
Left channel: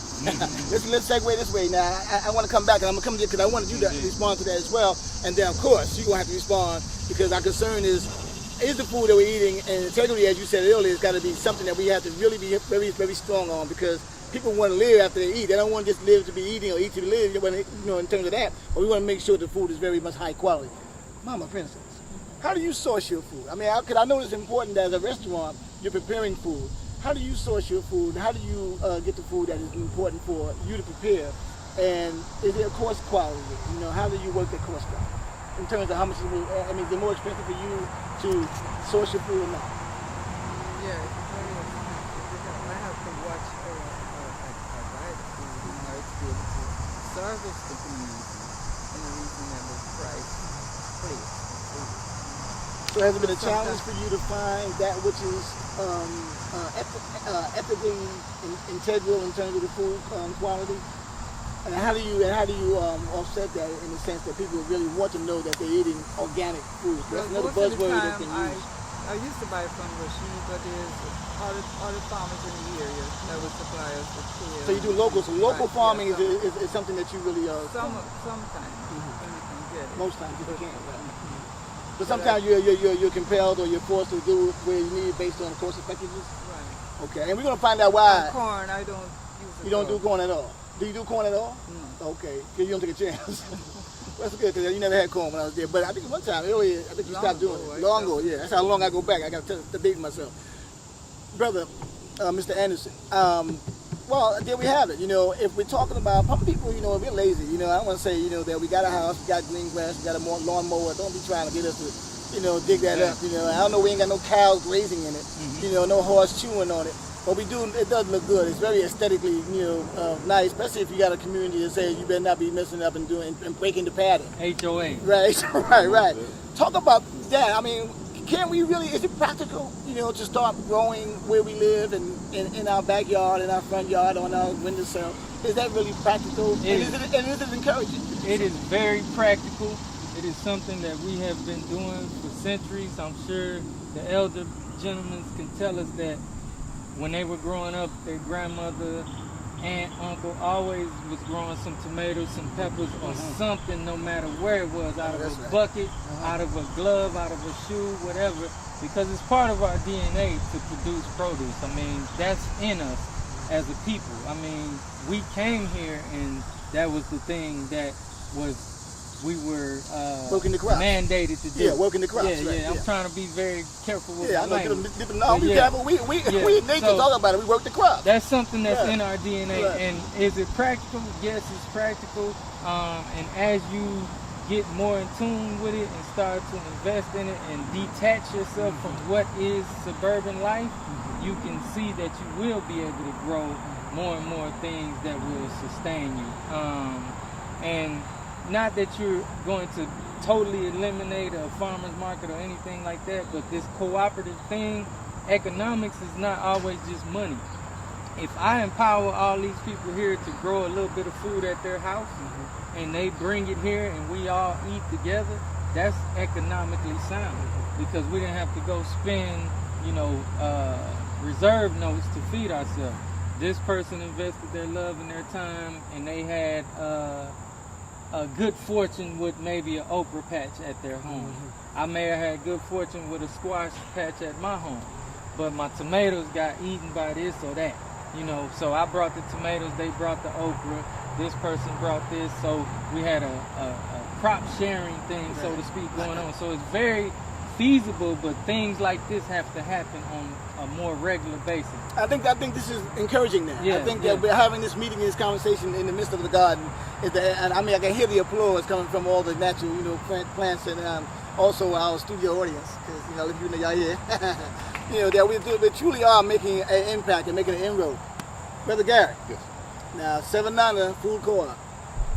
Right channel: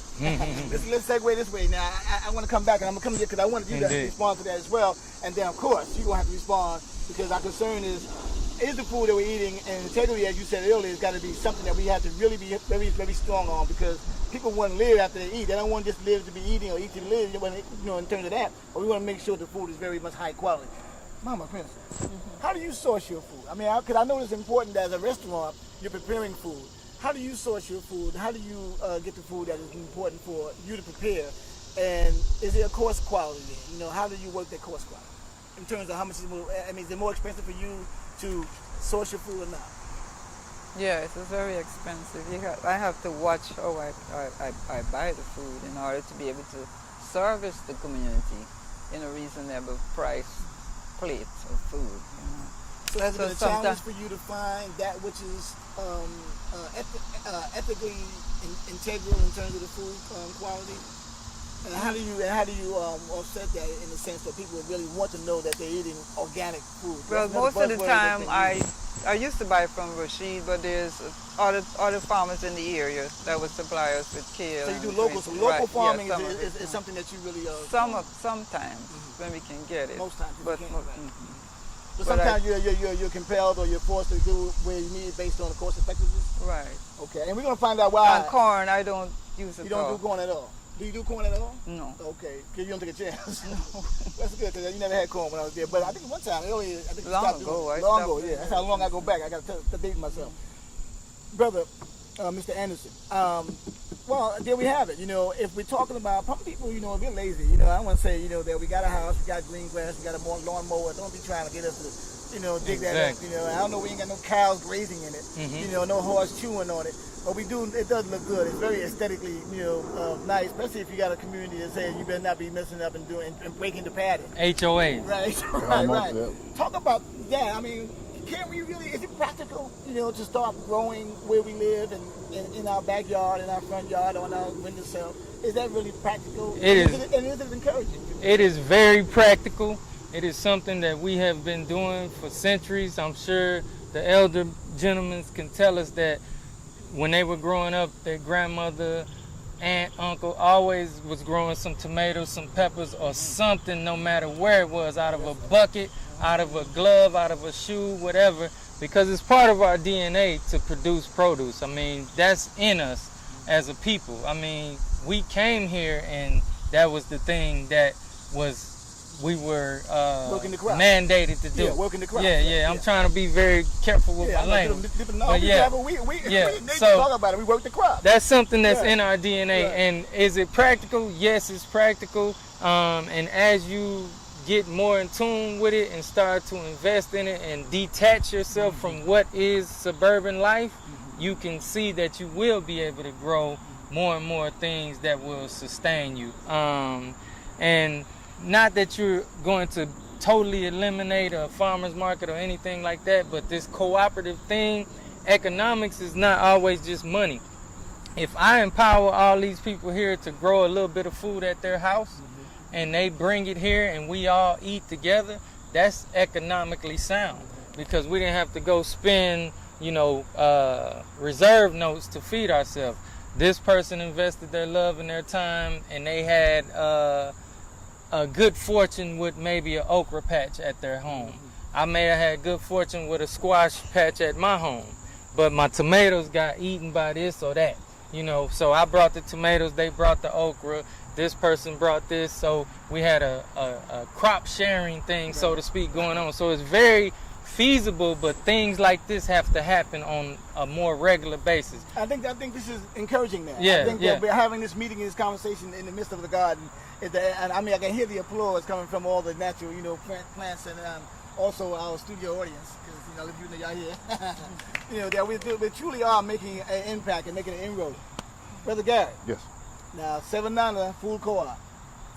Let's segue this way now. I want to come back, and I'm going to come here because I want you to respond to that as well. And then, of course, you're going to have to respond because our concern is the food that we're eating, and integrity, as you said earlier, has got to be something that we have to really be very, very strong on because people want to live after they eat. They don't want to just live to be eating or eat to live, in terms of that. But we want to make sure the food is very much high quality. Mama, for instance, how do you source your food? I mean, I know it's important that as a restaurant, you're preparing food. How do you source your food? How do you get the food that is important for you to prepare? And is there a cost quality? How do you work the cost quality? In terms of how much, is it more expensive for you to source your food or not? Yeah, it's very expensive. I have to watch how I buy the food in order to be able to service the community in a reasonable price plate of food. So has it been a challenge for you to find that which is ethically integral in terms of the food quality? And how do you offset that in the sense that people really want to know that they're eating organic food? Well, most of the time I used to buy from Rashid, but there's other farmers in the area that would supply us with kale. So you do local. So local farming is something that you really sometimes when we can get it. Most times you But, can't. But sometimes you're compelled or you're forced to do where you need based on cost effectiveness. Right. Okay, and we're gonna find out why. And corn, I don't use it. You don't do corn at all. Do you do corn at all? No. Okay, you don't take a chance. That's good. You never had corn when I was there, but I think one time earlier, I think you stopped doing it. Long ago, yeah. That's how long I go back. I got to date myself, brother, Mr. Anderson. Well, there we have it. If we're talking about some people, we're lazy. I want to say, that we got a house, we got green grass, we got a lawnmower. Don't be trying to get us to, dig that up. I don't know. We ain't got no cows grazing in it. No horse chewing on it. But we do. It does look good. It's very aesthetically, nice. Especially if you got a community that say you better not be messing up and breaking the pattern. HOA. Right. Talk about that. I mean, can we really, is it practical, to start growing where we live and in our backyard, in our front yard, on our windowsill? Is that really practical? It is. And is it encouraging? It is very practical. It is something that we have been doing for centuries. I'm sure the elder gentlemen can tell us that when they were growing up, their grandmother, aunt, uncle always was growing some tomatoes, some peppers, or something, no matter where it was, out of a bucket, out of a glove, out of a shoe, whatever, because it's part of our DNA to produce produce. I mean, that's in us as a people. I mean, we came here and that was the thing that we were mandated to do. Yeah, working the crops. Yeah. I'm trying to be very careful with my language. We talk about it. We work the crop. That's something that's in our DNA. Right. And is it practical? Yes, it's practical. And as you get more in tune with it and start to invest in it and detach yourself from what is suburban life, you can see that you will be able to grow more and more things that will sustain you. And not that you're going to totally eliminate a farmer's market or anything like that, but this cooperative thing, economics is not always just money. If I empower all these people here to grow a little bit of food at their house and they bring it here and we all eat together, that's economically sound, because we didn't have to go spend, reserve notes to feed ourselves. This person invested their love and their time, and they had a good fortune with maybe an okra patch at their home. I may have had good fortune with a squash patch at my home, but my tomatoes got eaten by this or that, So I brought the tomatoes, they brought the okra, this person brought this, so we had a crop sharing thing, so to speak, going on. So it's very feasible, but things like this have to happen on a more regular basis. I think this is encouraging now. Yeah, I think that we're having this meeting, this conversation in the midst of the garden. And I can hear the applause coming from all the natural, plants and also our studio audience. Because, if y'all here, that we truly are making an impact and making an inroad. Brother Gary. Yes. Now, Sevananda Food Co-op.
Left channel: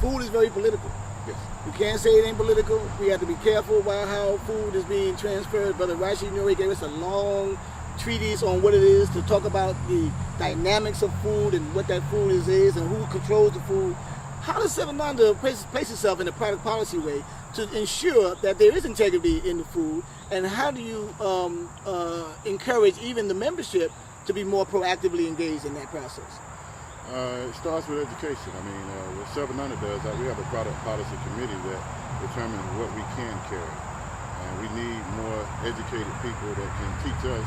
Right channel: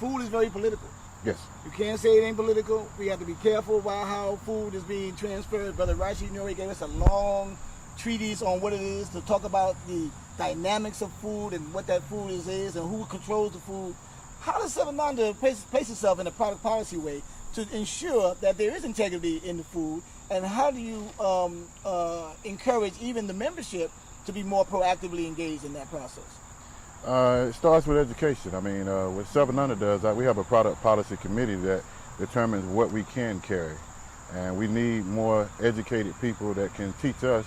Food is very political. Yes. You can't say it ain't political. We have to be careful about how food is being transferred. Brother Rashid Nuri gave us a long treatise on what it is to talk about the dynamics of food and what that food is and who controls the food. How does Sevananda place itself in a private policy way to ensure that there is integrity in the food? And how do you encourage even the membership to be more proactively engaged in that process? It starts with education. I mean, what Sevananda does, we have a product policy committee that determines what we can carry. And we need more educated people that can teach us,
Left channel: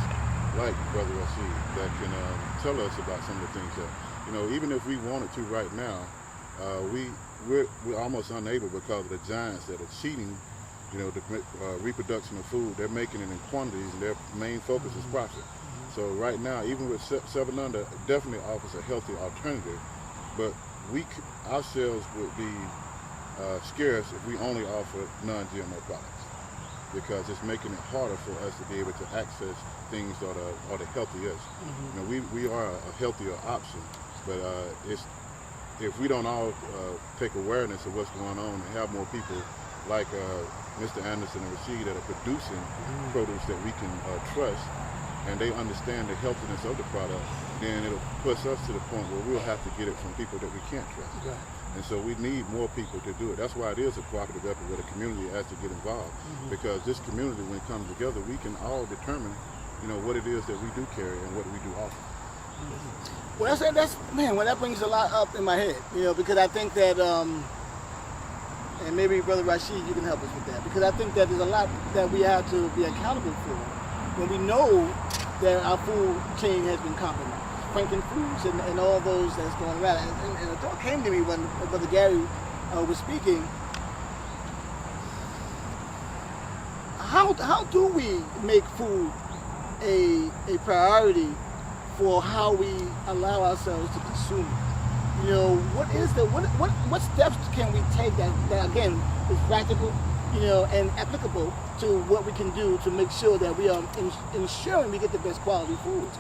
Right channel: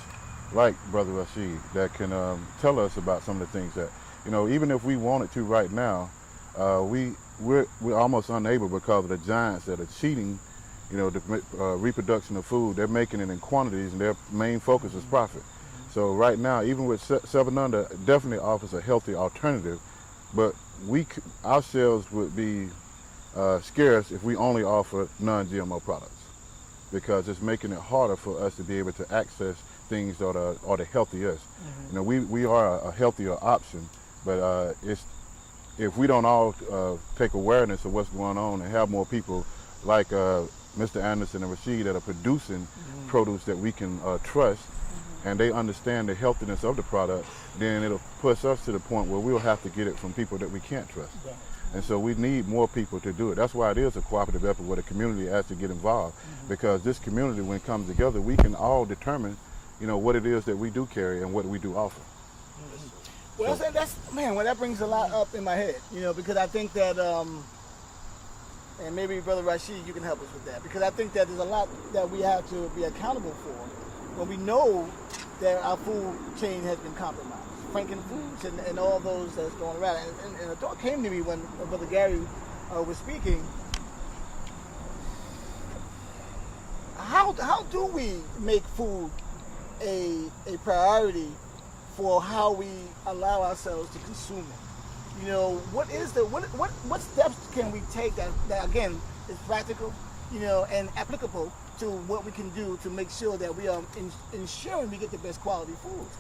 like Brother Rashid, that can tell us about some of the things that, even if we wanted to right now, we're almost unable because of the giants that are cheating, the reproduction of food. They're making it in quantities and their main focus is profit. So right now, even with Sevananda, definitely offers a healthy alternative, but our sales would be scarce if we only offer non-GMO products, because it's making it harder for us to be able to access things that are the healthiest. We are a healthier option, but if we don't all take awareness of what's going on and have more people like Mr. Anderson and Rashid that are producing produce that we can trust, and they understand the healthiness of the product, then it'll push us to the point where we'll have to get it from people that we can't trust. Right. And so we need more people to do it. That's why it is a cooperative effort where the community has to get involved, because this community, when it comes together, we can all determine, what it is that we do carry and what we do offer. Well, that brings a lot up in my head, because I think that, and maybe Brother Rashid, you can help us with that, because I think that there's a lot that we have to be accountable for when we know that our food chain has been compromised. Franklin Foods and all those that's going around. And the thought came to me when Brother Gary was speaking. How do we make food a priority for how we allow ourselves to consume it? What steps can we take that again is practical, and applicable to what we can do to make sure that we are ensuring we get the best quality foods?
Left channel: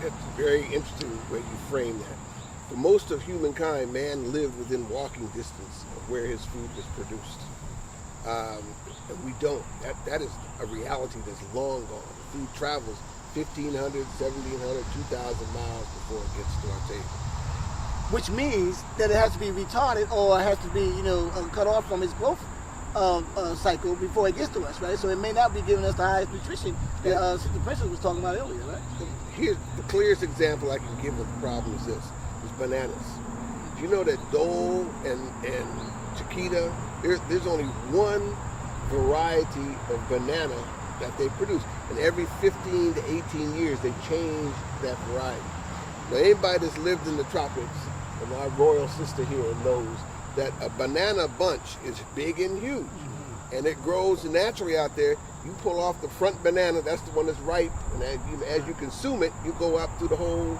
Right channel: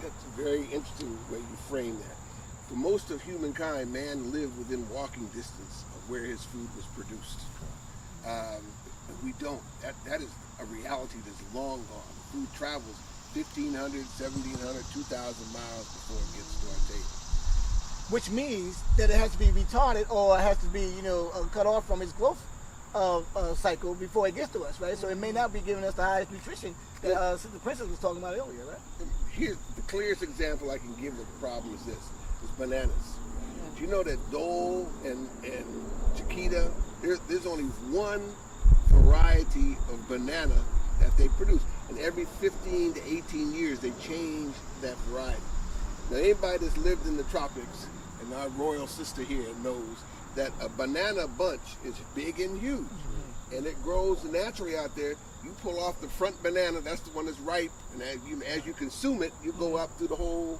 That's very interesting the way you frame that. For most of humankind, man lived within walking distance of where his food was produced. And we don't. That is a reality that's long gone. Food travels 1,500, 1,700, 2,000 miles before it gets to our table. Which means that it has to be retarded or it has to be, cut off from its growth cycle before it gets to us, right? So it may not be giving us the highest nutrition that the Princess was talking about earlier, right? Here's the clearest example I can give of the problem is this, is bananas. Do you know that Dole and Chiquita, there's only one variety of banana that they produce. And every 15 to 18 years, they change that variety. Now, anybody that's lived in the tropics, and our royal sister here knows that a banana bunch is big and huge. And it grows naturally out there. You pull off the front banana, that's the one that's ripe, and as you consume it, you go up through the whole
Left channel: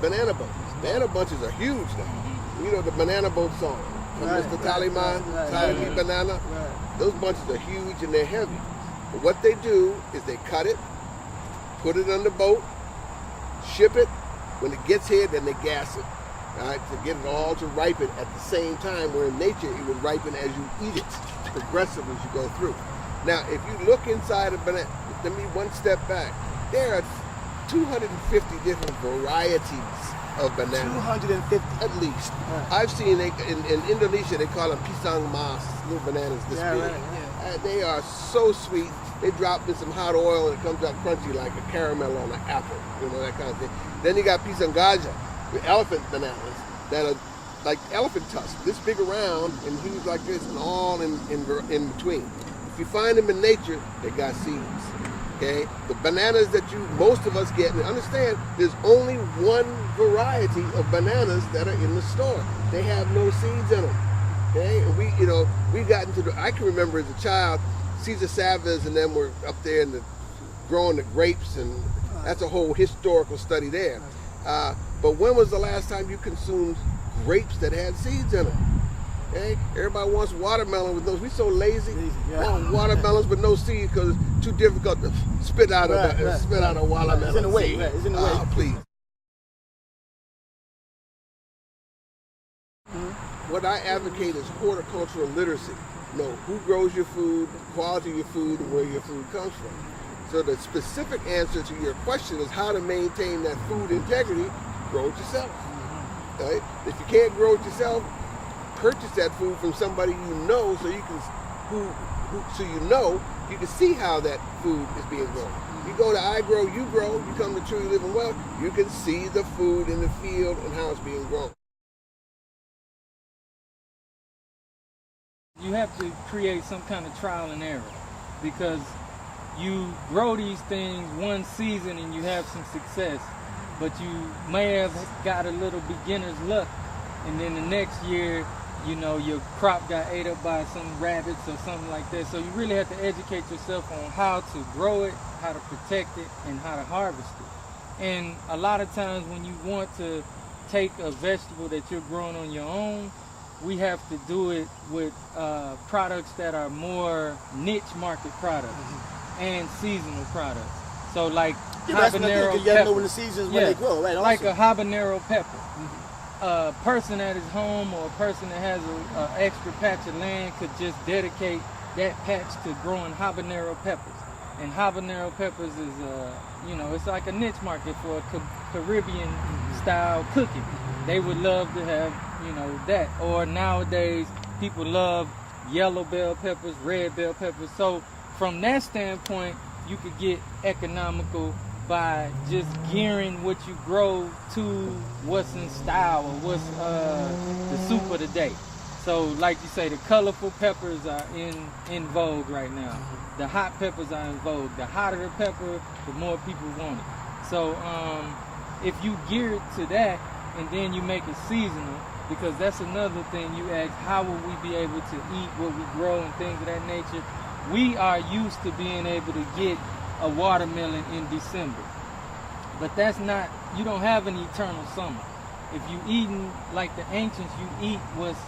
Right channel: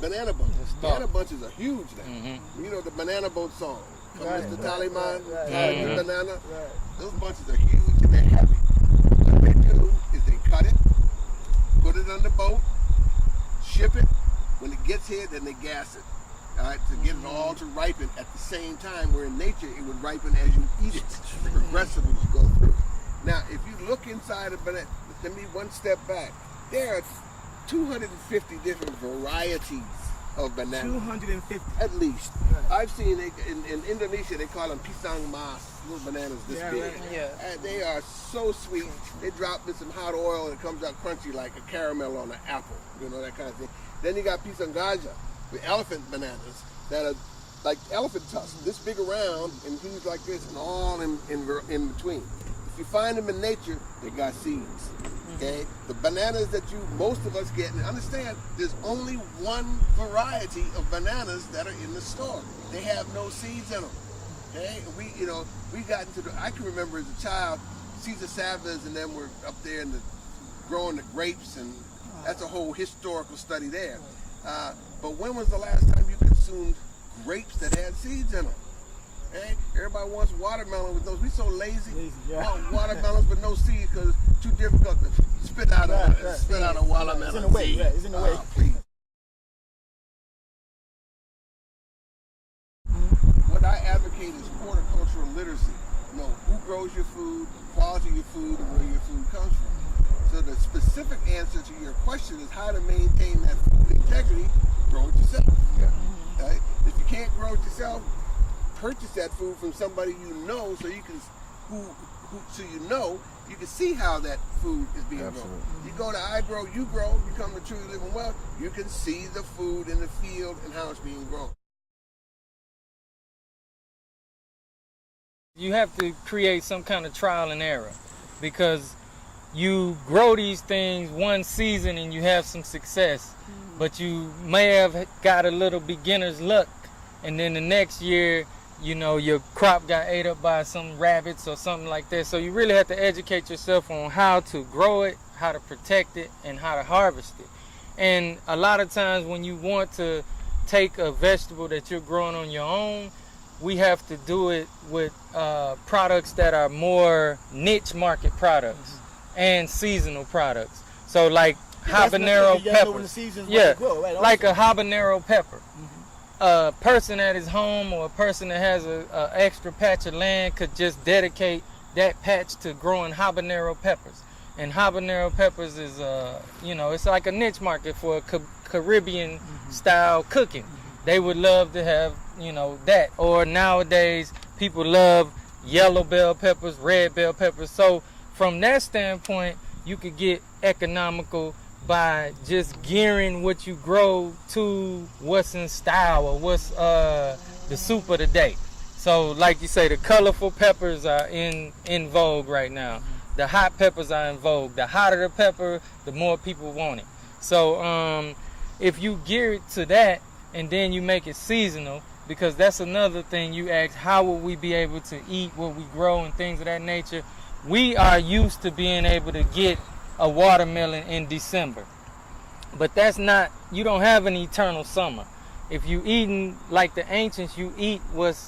banana bunches. Banana bunches are huge now. You know the banana boat song, from Mr. Taliman, Taliman Banana. Right. Those bunches are huge and they're heavy. But what they do is they cut it, put it on the boat, ship it. When it gets here, then they gas it. All right, to get it all to ripen at the same time, where in nature it would ripen as you eat it, progressively as you go through. Now, if you look inside a banana, let me one step back. There are 250 different varieties of bananas. 250 at least. Right. I've seen in Indonesia they call them pisang mas, little bananas this big. Right. Yeah. And they are so sweet. They drop in some hot oil and it comes out crunchy like a caramel on an apple, that kind of thing. Then you got pisang gajah, the elephant bananas that are like elephant tusks, this big around and huge like this, and all in between. If you find them in nature, they got seeds. Okay, the bananas that most of us get, and understand, there's only one variety of bananas that are in the store. They have no seeds in them. Okay, and we got into I can remember as a child, Cesar Chavez and them were up there growing the grapes, and that's a whole historical study there. But when was the last time you consumed grapes that had seeds in them? Okay? Everybody wants watermelon with those. We so lazy. Yeah. Want watermelons with no seeds because it's too difficult to spit out a watermelon. It's in the way. Right. It's in the way. Please. What I advocate is horticultural literacy. Know who grows your food, the quality of your food, and where your food comes from. So the specific answer to your question is how to maintain that food integrity. Grow it yourself. Right? If you can't grow it yourself, purchase that food from somebody you know, so you can see how that food is being grown. You go to I Grow, You Grow, you come to Truly Living Well, you can see the food in the field and how it's being grown. You have to create some kind of trial and error, because you grow these things one season and you have some success, but you may have got a little beginner's luck, and then the next year your crop got ate up by some rabbits or something like that. So you really have to educate yourself on how to grow it, how to protect it, and how to harvest it. And a lot of times when you want to take a vegetable that you're growing on your own, we have to do it with products that are more niche market products and seasonal products. So like habanero pepper. Like a habanero pepper. A person at his home or a person that has an extra patch of land could just dedicate that patch to growing habanero peppers. And habanero peppers is, it's like a niche market for Caribbean style cooking. They would love to have, that. Or nowadays, people love yellow bell peppers, red bell peppers. So from that standpoint, you could get economical by just gearing what you grow to what's in style or what's the soup of the day. So like you say, the colorful peppers are in vogue right now. The hot peppers are in vogue. The hotter the pepper, the more people want it. So if you gear it to that and then you make it seasonal, because that's another thing you ask, how will we be able to eat what we grow and things of that nature? We are used to being able to get a watermelon in December, but that's not, you don't have an eternal summer. If you eating like the ancients, you eat what's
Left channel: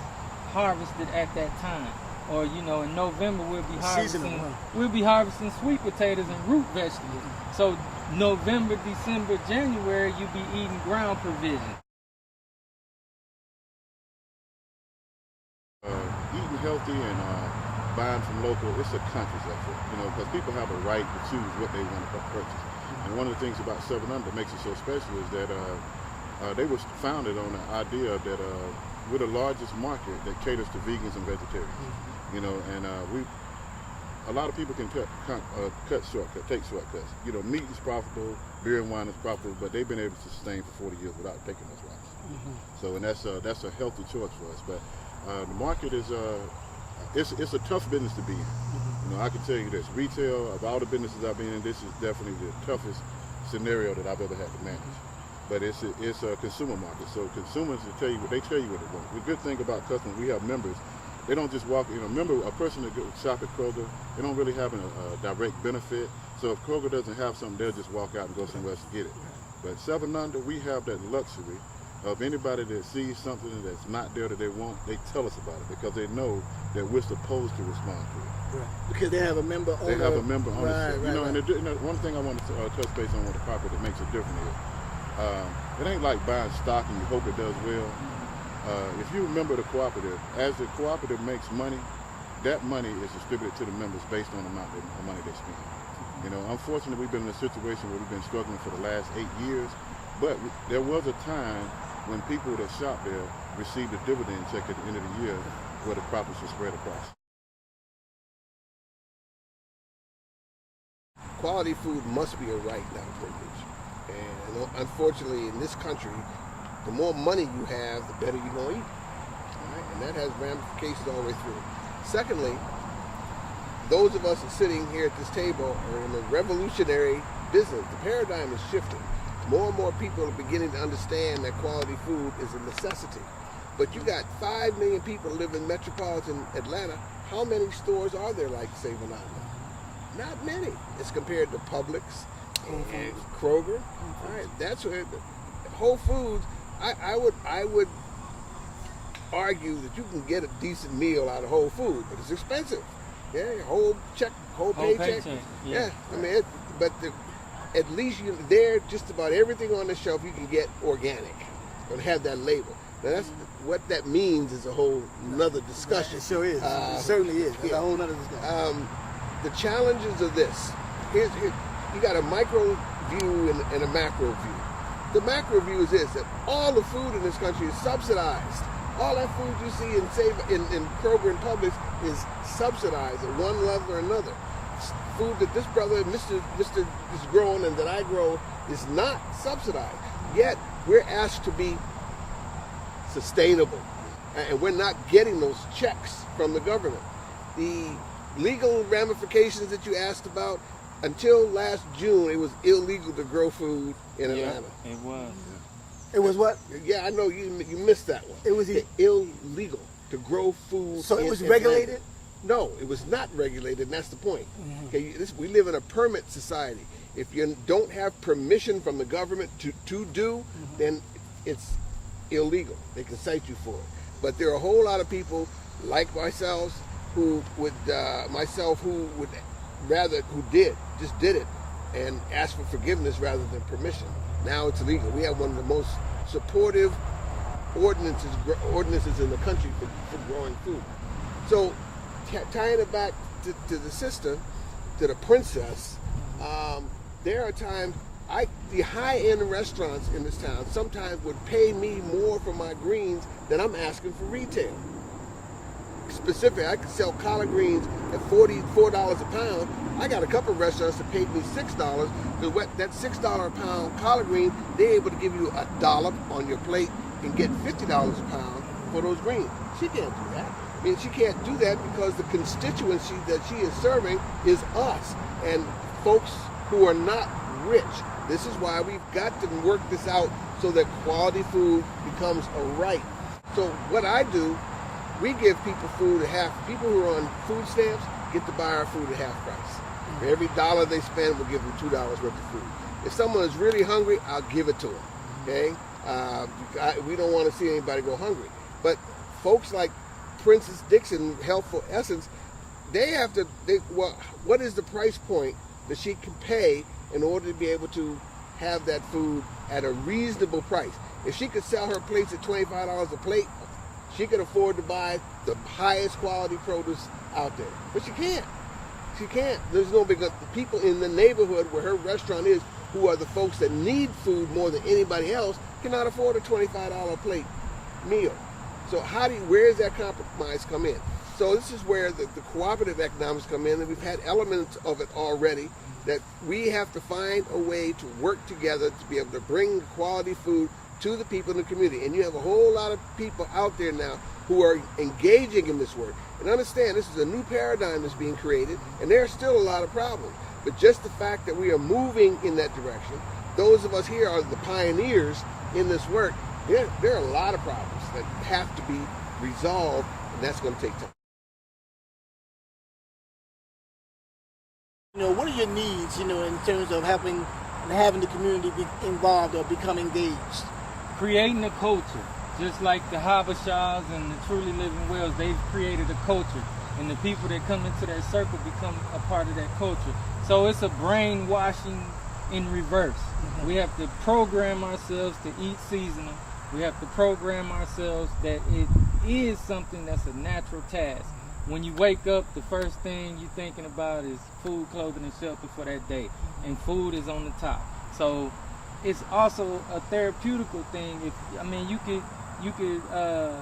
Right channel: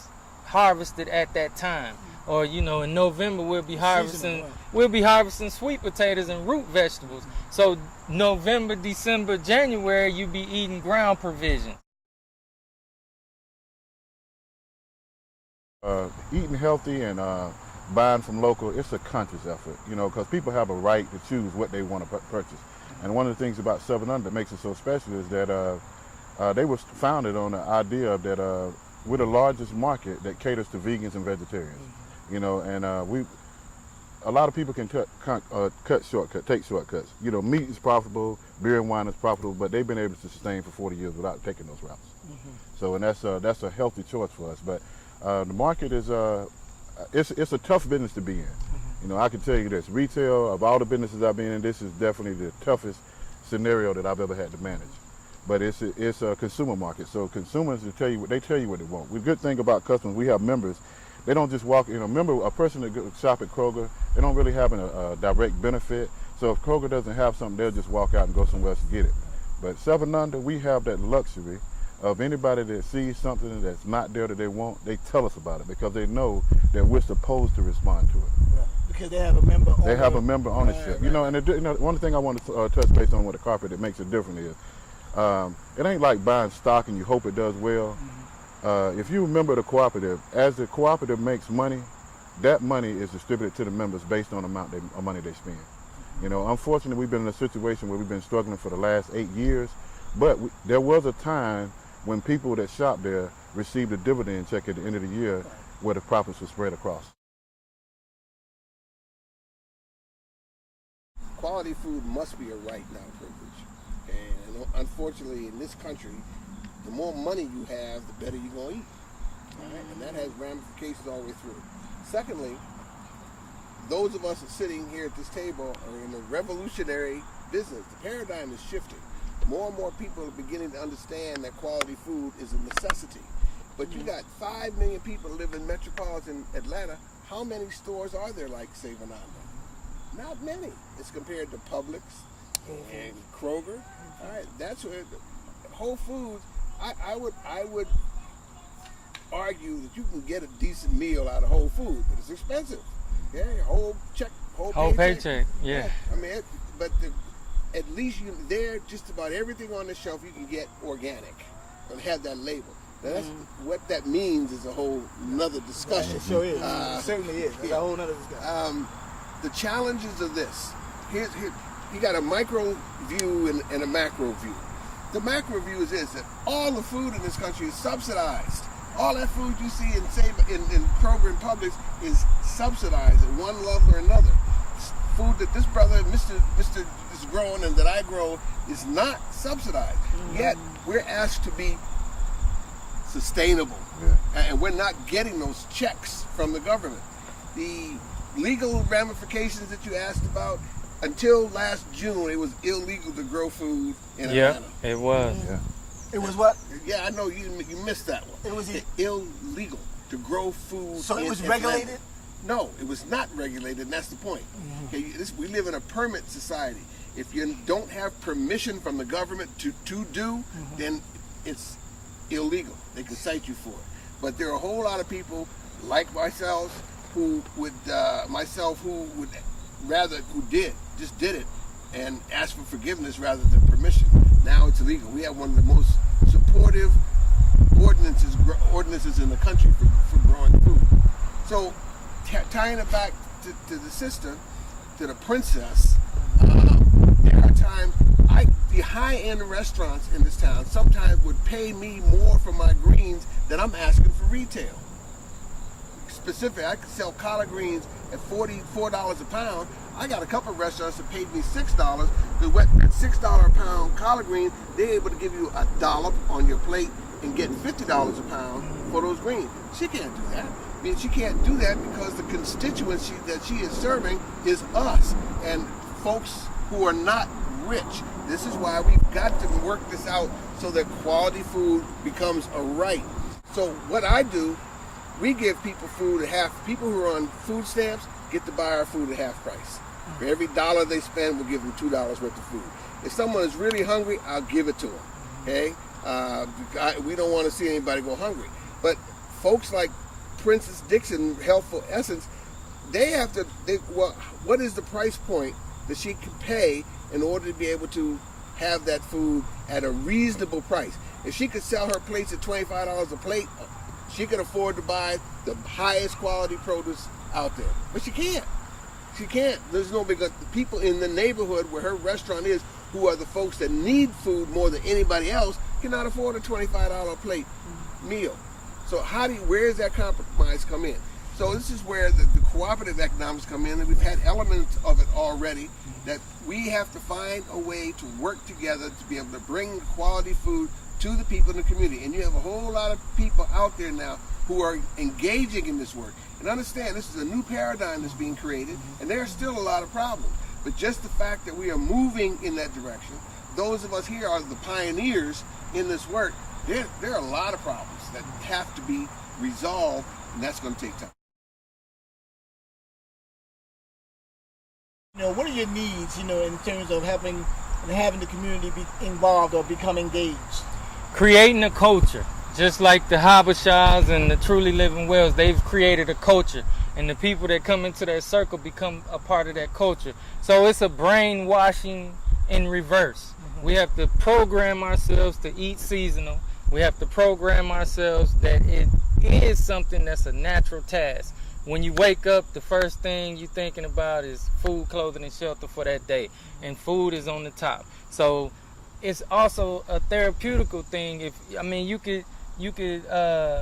harvested at that time. Or in November we'll be harvesting sweet potatoes and root vegetables. So November, December, January you be eating ground provision. Eating healthy and buying from local, it's a conscious effort, because people have a right to choose what they want to purchase. And one of the things about Sevananda that makes it so special is that they were founded on the idea that we're the largest market that caters to vegans and vegetarians. And a lot of people can take shortcuts. Meat is profitable, beer and wine is profitable, but they've been able to sustain for 40 years without taking those routes. So, and that's a healthy choice for us. But the market is it's a tough business to be in. I can tell you this: retail, of all the businesses I've been in, this is definitely the toughest scenario that I've ever had to manage. But it's a consumer market, so consumers tell you what they want. The good thing about customers, we have members. They don't just walk. Remember, a person that shop at Kroger, they don't really have a direct benefit. So if Kroger doesn't have something, they'll just walk out and go somewhere else to get it. But Sevananda, we have that luxury of anybody that sees something that's not there that they want, they tell us about it because they know that we're supposed to respond to it. Right. Because they have a member on They have a member ownership. Right. And one thing I want to touch base on with the cooperative that makes it different is, it ain't like buying stock and you hope it does well. If you remember the cooperative, as the cooperative makes money, that money is distributed to the members based on the amount of money they spend. Unfortunately, we've been in a situation where we've been struggling for the last 8 years, but there was a time when people that shop there received a dividend check at the end of the year where the profits were spread across. Quality food must be a right, not a privilege. And unfortunately, in this country, the more money you have, the better you're going to eat. Right? And that has ramifications all the way through. Secondly, those of us sitting here at this table are in a revolutionary business. The paradigm is shifting. More and more people are beginning to understand that quality food is a necessity. But you got 5 million people live in metropolitan Atlanta. How many stores are there like Sevananda? Not many. It's compared to Publix and Kroger. Right? That's where Whole Foods. I would argue that you can get a decent meal out of Whole Foods, but it's expensive. Yeah, whole paycheck. Yeah. At least there, just about everything on the shelf you can get organic and have that label. Now that's what that means is a whole nother discussion. Right, it sure is. It certainly is. That's a whole other discussion. The challenges of this. Here, you got a micro view and a macro view. The macro view is this: that all the food in this country is subsidized. All that food you see in Kroger and Publix is subsidized at one level or another. Food that this brother, Mr. is growing and that I grow is not subsidized. Yet we're asked to be sustainable, and we're not getting those checks from the government. The legal ramifications that you asked about, until last June, it was illegal to grow food in Atlanta. Yeah, it was. Yeah. It was what? Yeah, I know you missed that one. It was illegal to grow food. So it was Atlanta. regulated? No, it was not regulated, and that's the point. Okay, we live in a permit society. If you don't have permission from the government to do, then it's illegal. They can cite you for it. But there are a whole lot of people like myself who would just did it and asked for forgiveness rather than permission. Now it's illegal. We have one of the most supportive ordinances in the country for growing food. So tying it back to the sister, to the princess, there are times the high-end restaurants in this town sometimes would pay me more for my greens than I'm asking for retail. Specific, I could sell collard greens at $44 a pound. I got a couple of restaurants that paid me $6. That $6 a pound collard green, they're able to give you $1 on your plate and get $50 a pound for those greens. She can't do that. I mean, she can't do that because the constituency that she is serving is us and folks who are not rich. This is why we've got to work this out so that quality food becomes a right. So what I do, we give people food at half. People who are on food stamps get to buy our food at half price. For every $1 they spend, we'll give them $2 worth of food. If someone is really hungry, I'll give it to them. Okay? We don't want to see anybody go hungry. But folks like Princess Dixon, Healthful Essence, what is the price point that she can pay in order to be able to have that food at a reasonable price? If she could sell her plates at $25 a plate, she can afford to buy the highest quality produce out there, but she can't. She can't. There's no big. The people in the neighborhood where her restaurant is, who are the folks that need food more than anybody else, cannot afford a $25 a plate meal. So where does that compromise come in? So this is where the cooperative economics come in, and we've had elements of it already, that we have to find a way to work together to be able to bring quality food to the people in the community. And you have a whole lot of people out there now who are engaging in this work. And understand, this is a new paradigm that's being created, and there are still a lot of problems. But just the fact that we are moving in that direction, those of us here are the pioneers in this work. There are a lot of problems that have to be resolved, and that's going to take time. What are your needs, in terms of having the community be involved or become engaged? Creating a culture. Just like the Shabazz and the Truly Living Wells, they've created a culture, and the people that come into their circle become a part of that culture. So it's a brainwashing in reverse. We have to program ourselves to eat seasonal. We have to program ourselves that it is something that's a natural task. When you wake up, the first thing you're thinking about is food, clothing, and shelter for that day, and food is on the top. So it's also a therapeutical thing. You could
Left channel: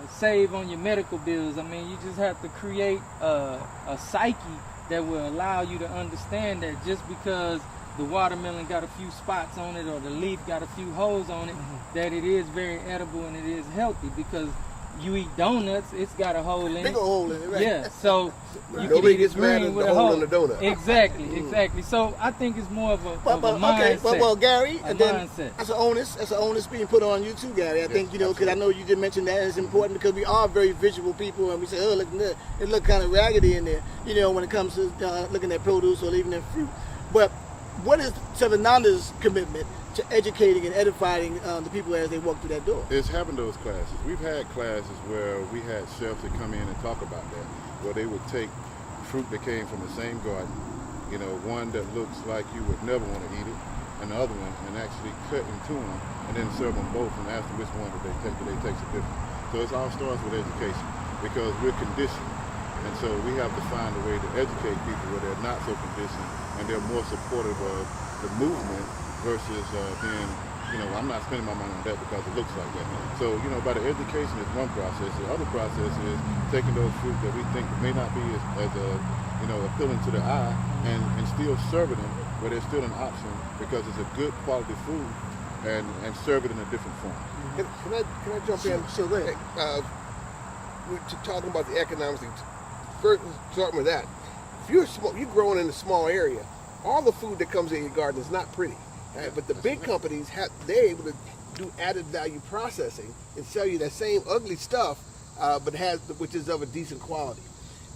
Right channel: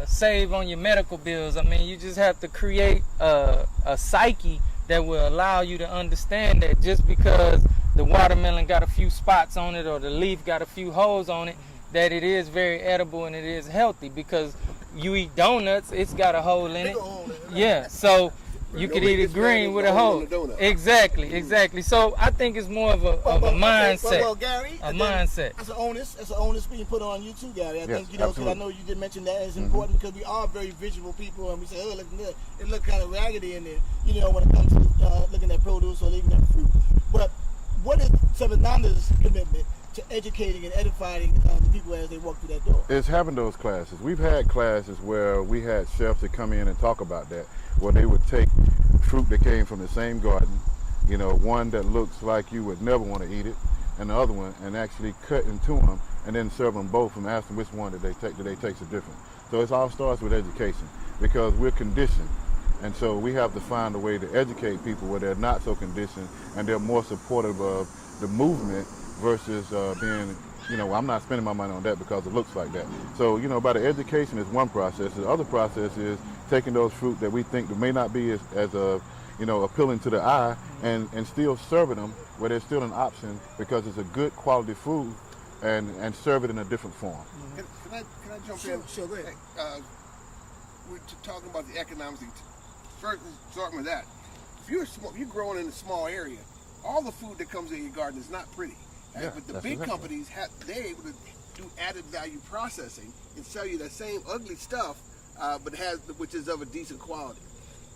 save on your medical bills. You just have to create a psyche that will allow you to understand that just because the watermelon got a few spots on it or the leaf got a few holes on it, that it is very edible and it is healthy. Because you eat donuts, it's got a hole in it. Right? Yeah, so you could eat it green with a hole. Exactly. Exactly. So I think it's more of a mindset. Well, Gary, mindset. That's an onus being put on you too, Gary. I think, because I know you did mention that it's important because we are very visual people, and we say, look, it look kind of raggedy in there, when it comes to looking at produce or even at fruit. But what is Savananda's commitment to educating and edifying the people as they walk through that door? It's having those classes. We've had classes where we had chefs that come in and talk about that, where they would take fruit that came from the same garden, one that looks like you would never want to eat it, and the other one, and actually cut and tune them, and then serve them both and ask them which one do they taste the difference. So it all starts with education, because we're conditioned. And so we have to find a way to educate people where they're not so conditioned and they're more supportive of the movement versus being, I'm not spending my money on that because it looks like that. So, by the education is one process. The other process is taking those fruit that we think may not be as appealing to the eye and still serving them where there's still an option because it's a good quality food and serve it in a different form. Can I jump in? Sure, go ahead. We're talking about the economics. First, starting with that. If you're growing in a small area, all the food that comes in your garden is not pretty. Right? But the big companies, they're able to do added value processing and sell you that same ugly stuff, which is of a decent quality.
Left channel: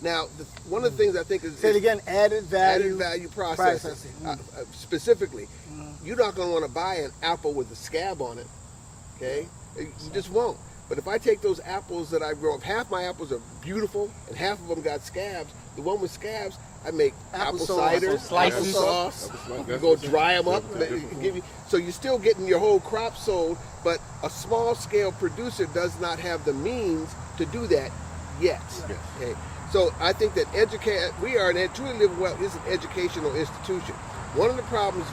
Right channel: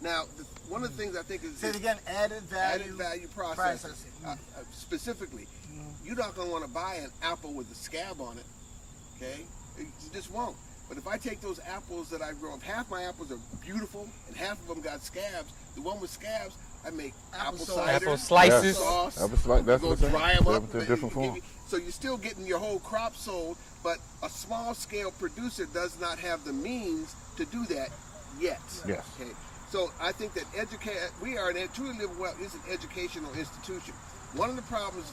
Now, one of the things I think is... Say it again, added value processing. Specifically, you're not going to want to buy an apple with a scab on it, okay? You just won't. But if I take those apples that I grow, if half my apples are beautiful and half of them got scabs, the one with scabs, I make apple cider, apple slices, sauce, go dry them up. So you're still getting your whole crop sold, but a small-scale producer does not have the means to do that yet. Yes. Okay. So I think that Truly Living Well is an educational institution. One of the problems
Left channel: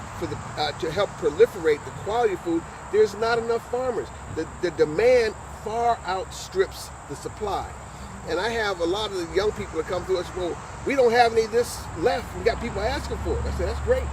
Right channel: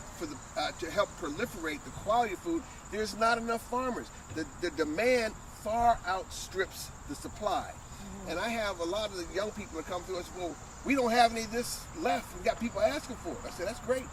to help proliferate the quality of food, there's not enough farmers. The demand far outstrips the supply. And I have a lot of the young people that come to us, well, we don't have any of this left. We got people asking for it. I said, that's great.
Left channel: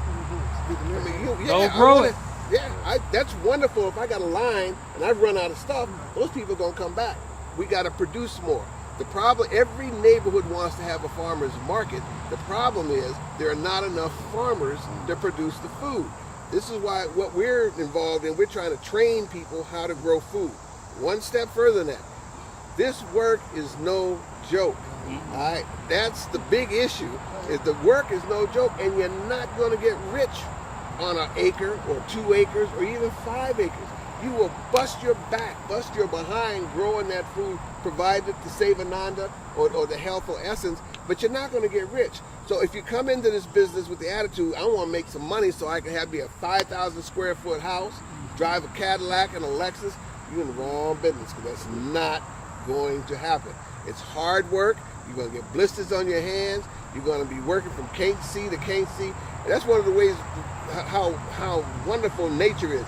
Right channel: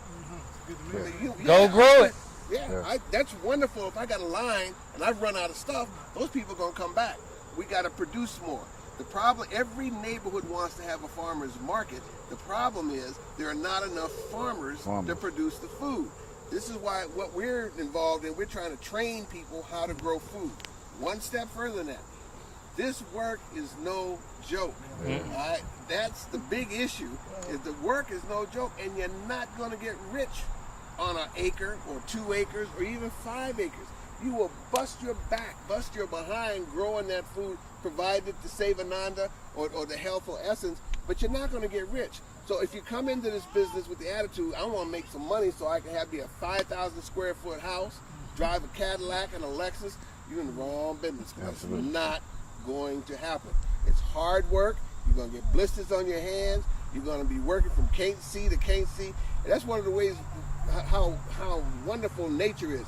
Don't grow it. Yeah, that's wonderful. If I got a line and I've run out of stuff, those people are going to come back. We got to produce more. The problem, every neighborhood wants to have a farmer's market. The problem is there are not enough farmers to produce the food. This is why what we're involved in, we're trying to train people how to grow food. One step further than that. This work is no joke. All right? That's the big issue, is the work is no joke, and you're not going to get rich on an acre or 2 acres or even 5 acres. You will bust your back, bust your behind growing that food, provided the Sevananda or the Healthful Essence, but you're not going to get rich. So if you come into this business with the attitude, I want to make some money so I can have me a 5,000 square foot house, drive a Cadillac and a Lexus, you're in the wrong business, because that's not going to happen. It's hard work. You're going to get blisters on your hands. You're going to be working from can't see to can't see. And that's one of the ways how wonderful nature is.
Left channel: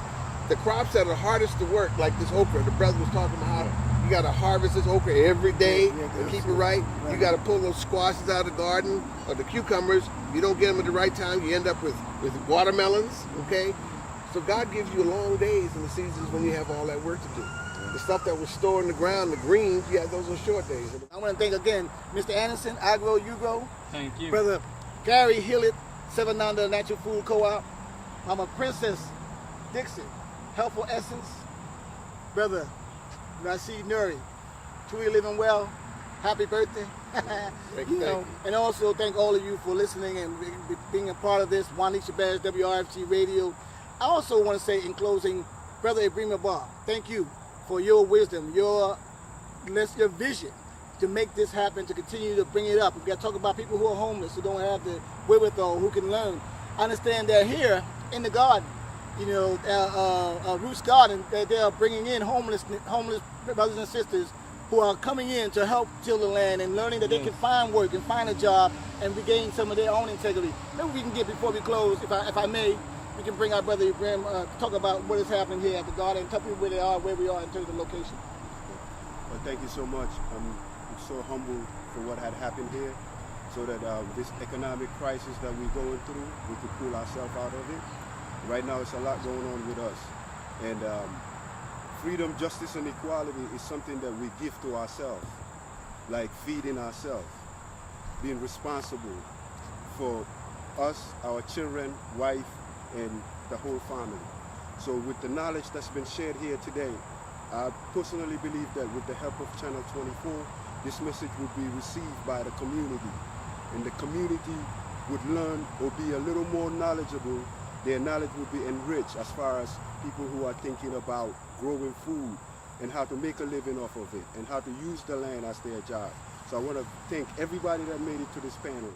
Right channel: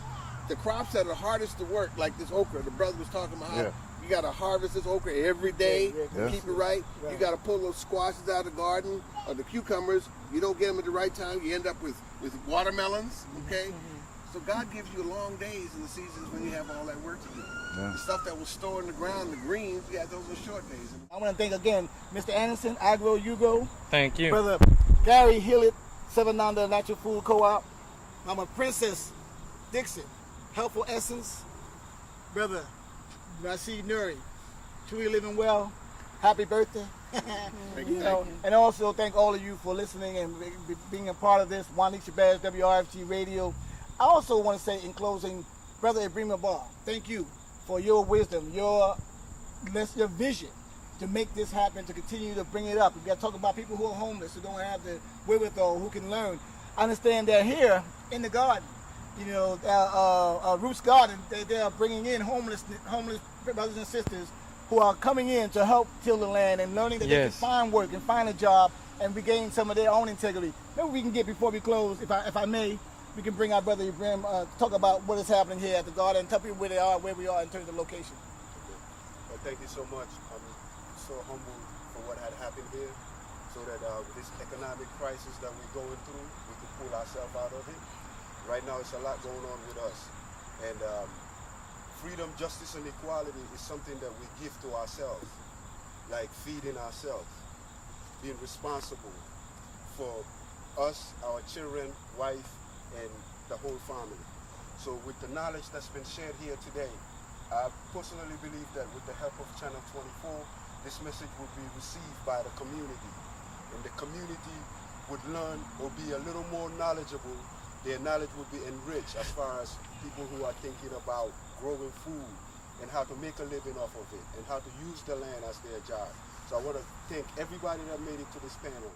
The crops that are hardest to work, like this okra, the brother was talking about how you got to harvest this okra every day to keep it right. You got to pull those squashes out of the garden, or the cucumbers. If you don't get them at the right time, you end up with watermelons, okay? So God gives you long days in the seasons when you have all that work to do. The stuff that was stored in the ground, the greens, those are short days. I want to thank again Mr. Anderson, Agro Hugo. Thank you. Brother Gary Hilliard, Sevananda Natural Food Co-op. Mama Princess Dixon, Healthful Essence. Brother Rashid Nuri, truly living well. Happy birthday. Thank you. And also thank all of you for listening and being a part of this. Wanique, Shabazz, WRFG Radio. I also want to say in closing, Brother Ebrima Ba, thank you for your wisdom, your vision to make this happen, to continue to bring it up. We've got to talk about people who are homeless, who don't have the wherewithal, who can learn. I understand they're here in the garden, Roots Garden, they're bringing in homeless brothers and sisters who are coming in to help till the land and learning that they can find work and find a job and regain some of their own integrity. Maybe we can get, before we close, if I may, we can bring our brother Ibrahim talk about what is happening here at the garden and tell people where they are, where we are in terms of location. Well, thank you so much. I'm so humbled for what had happened here, so that this economic crisis that we're going through, we could pull ourselves out of it. Right now, it's a lot going on with us. And freedom, justice, and equality is something that we give to ourselves, like feeding ourselves, being responsible for us, our children, wife, and the whole family. So with the knowledge that's been shared here today, I personally believe that with the help of Channel 24, this message would be received by the community, and the community would learn or be a little more knowledgeable. Their knowledge would be enriched as far as people who are thinking about growing food and how to make a living off of it and how to use the land as their job. So I want to thank everybody that made it to this panel.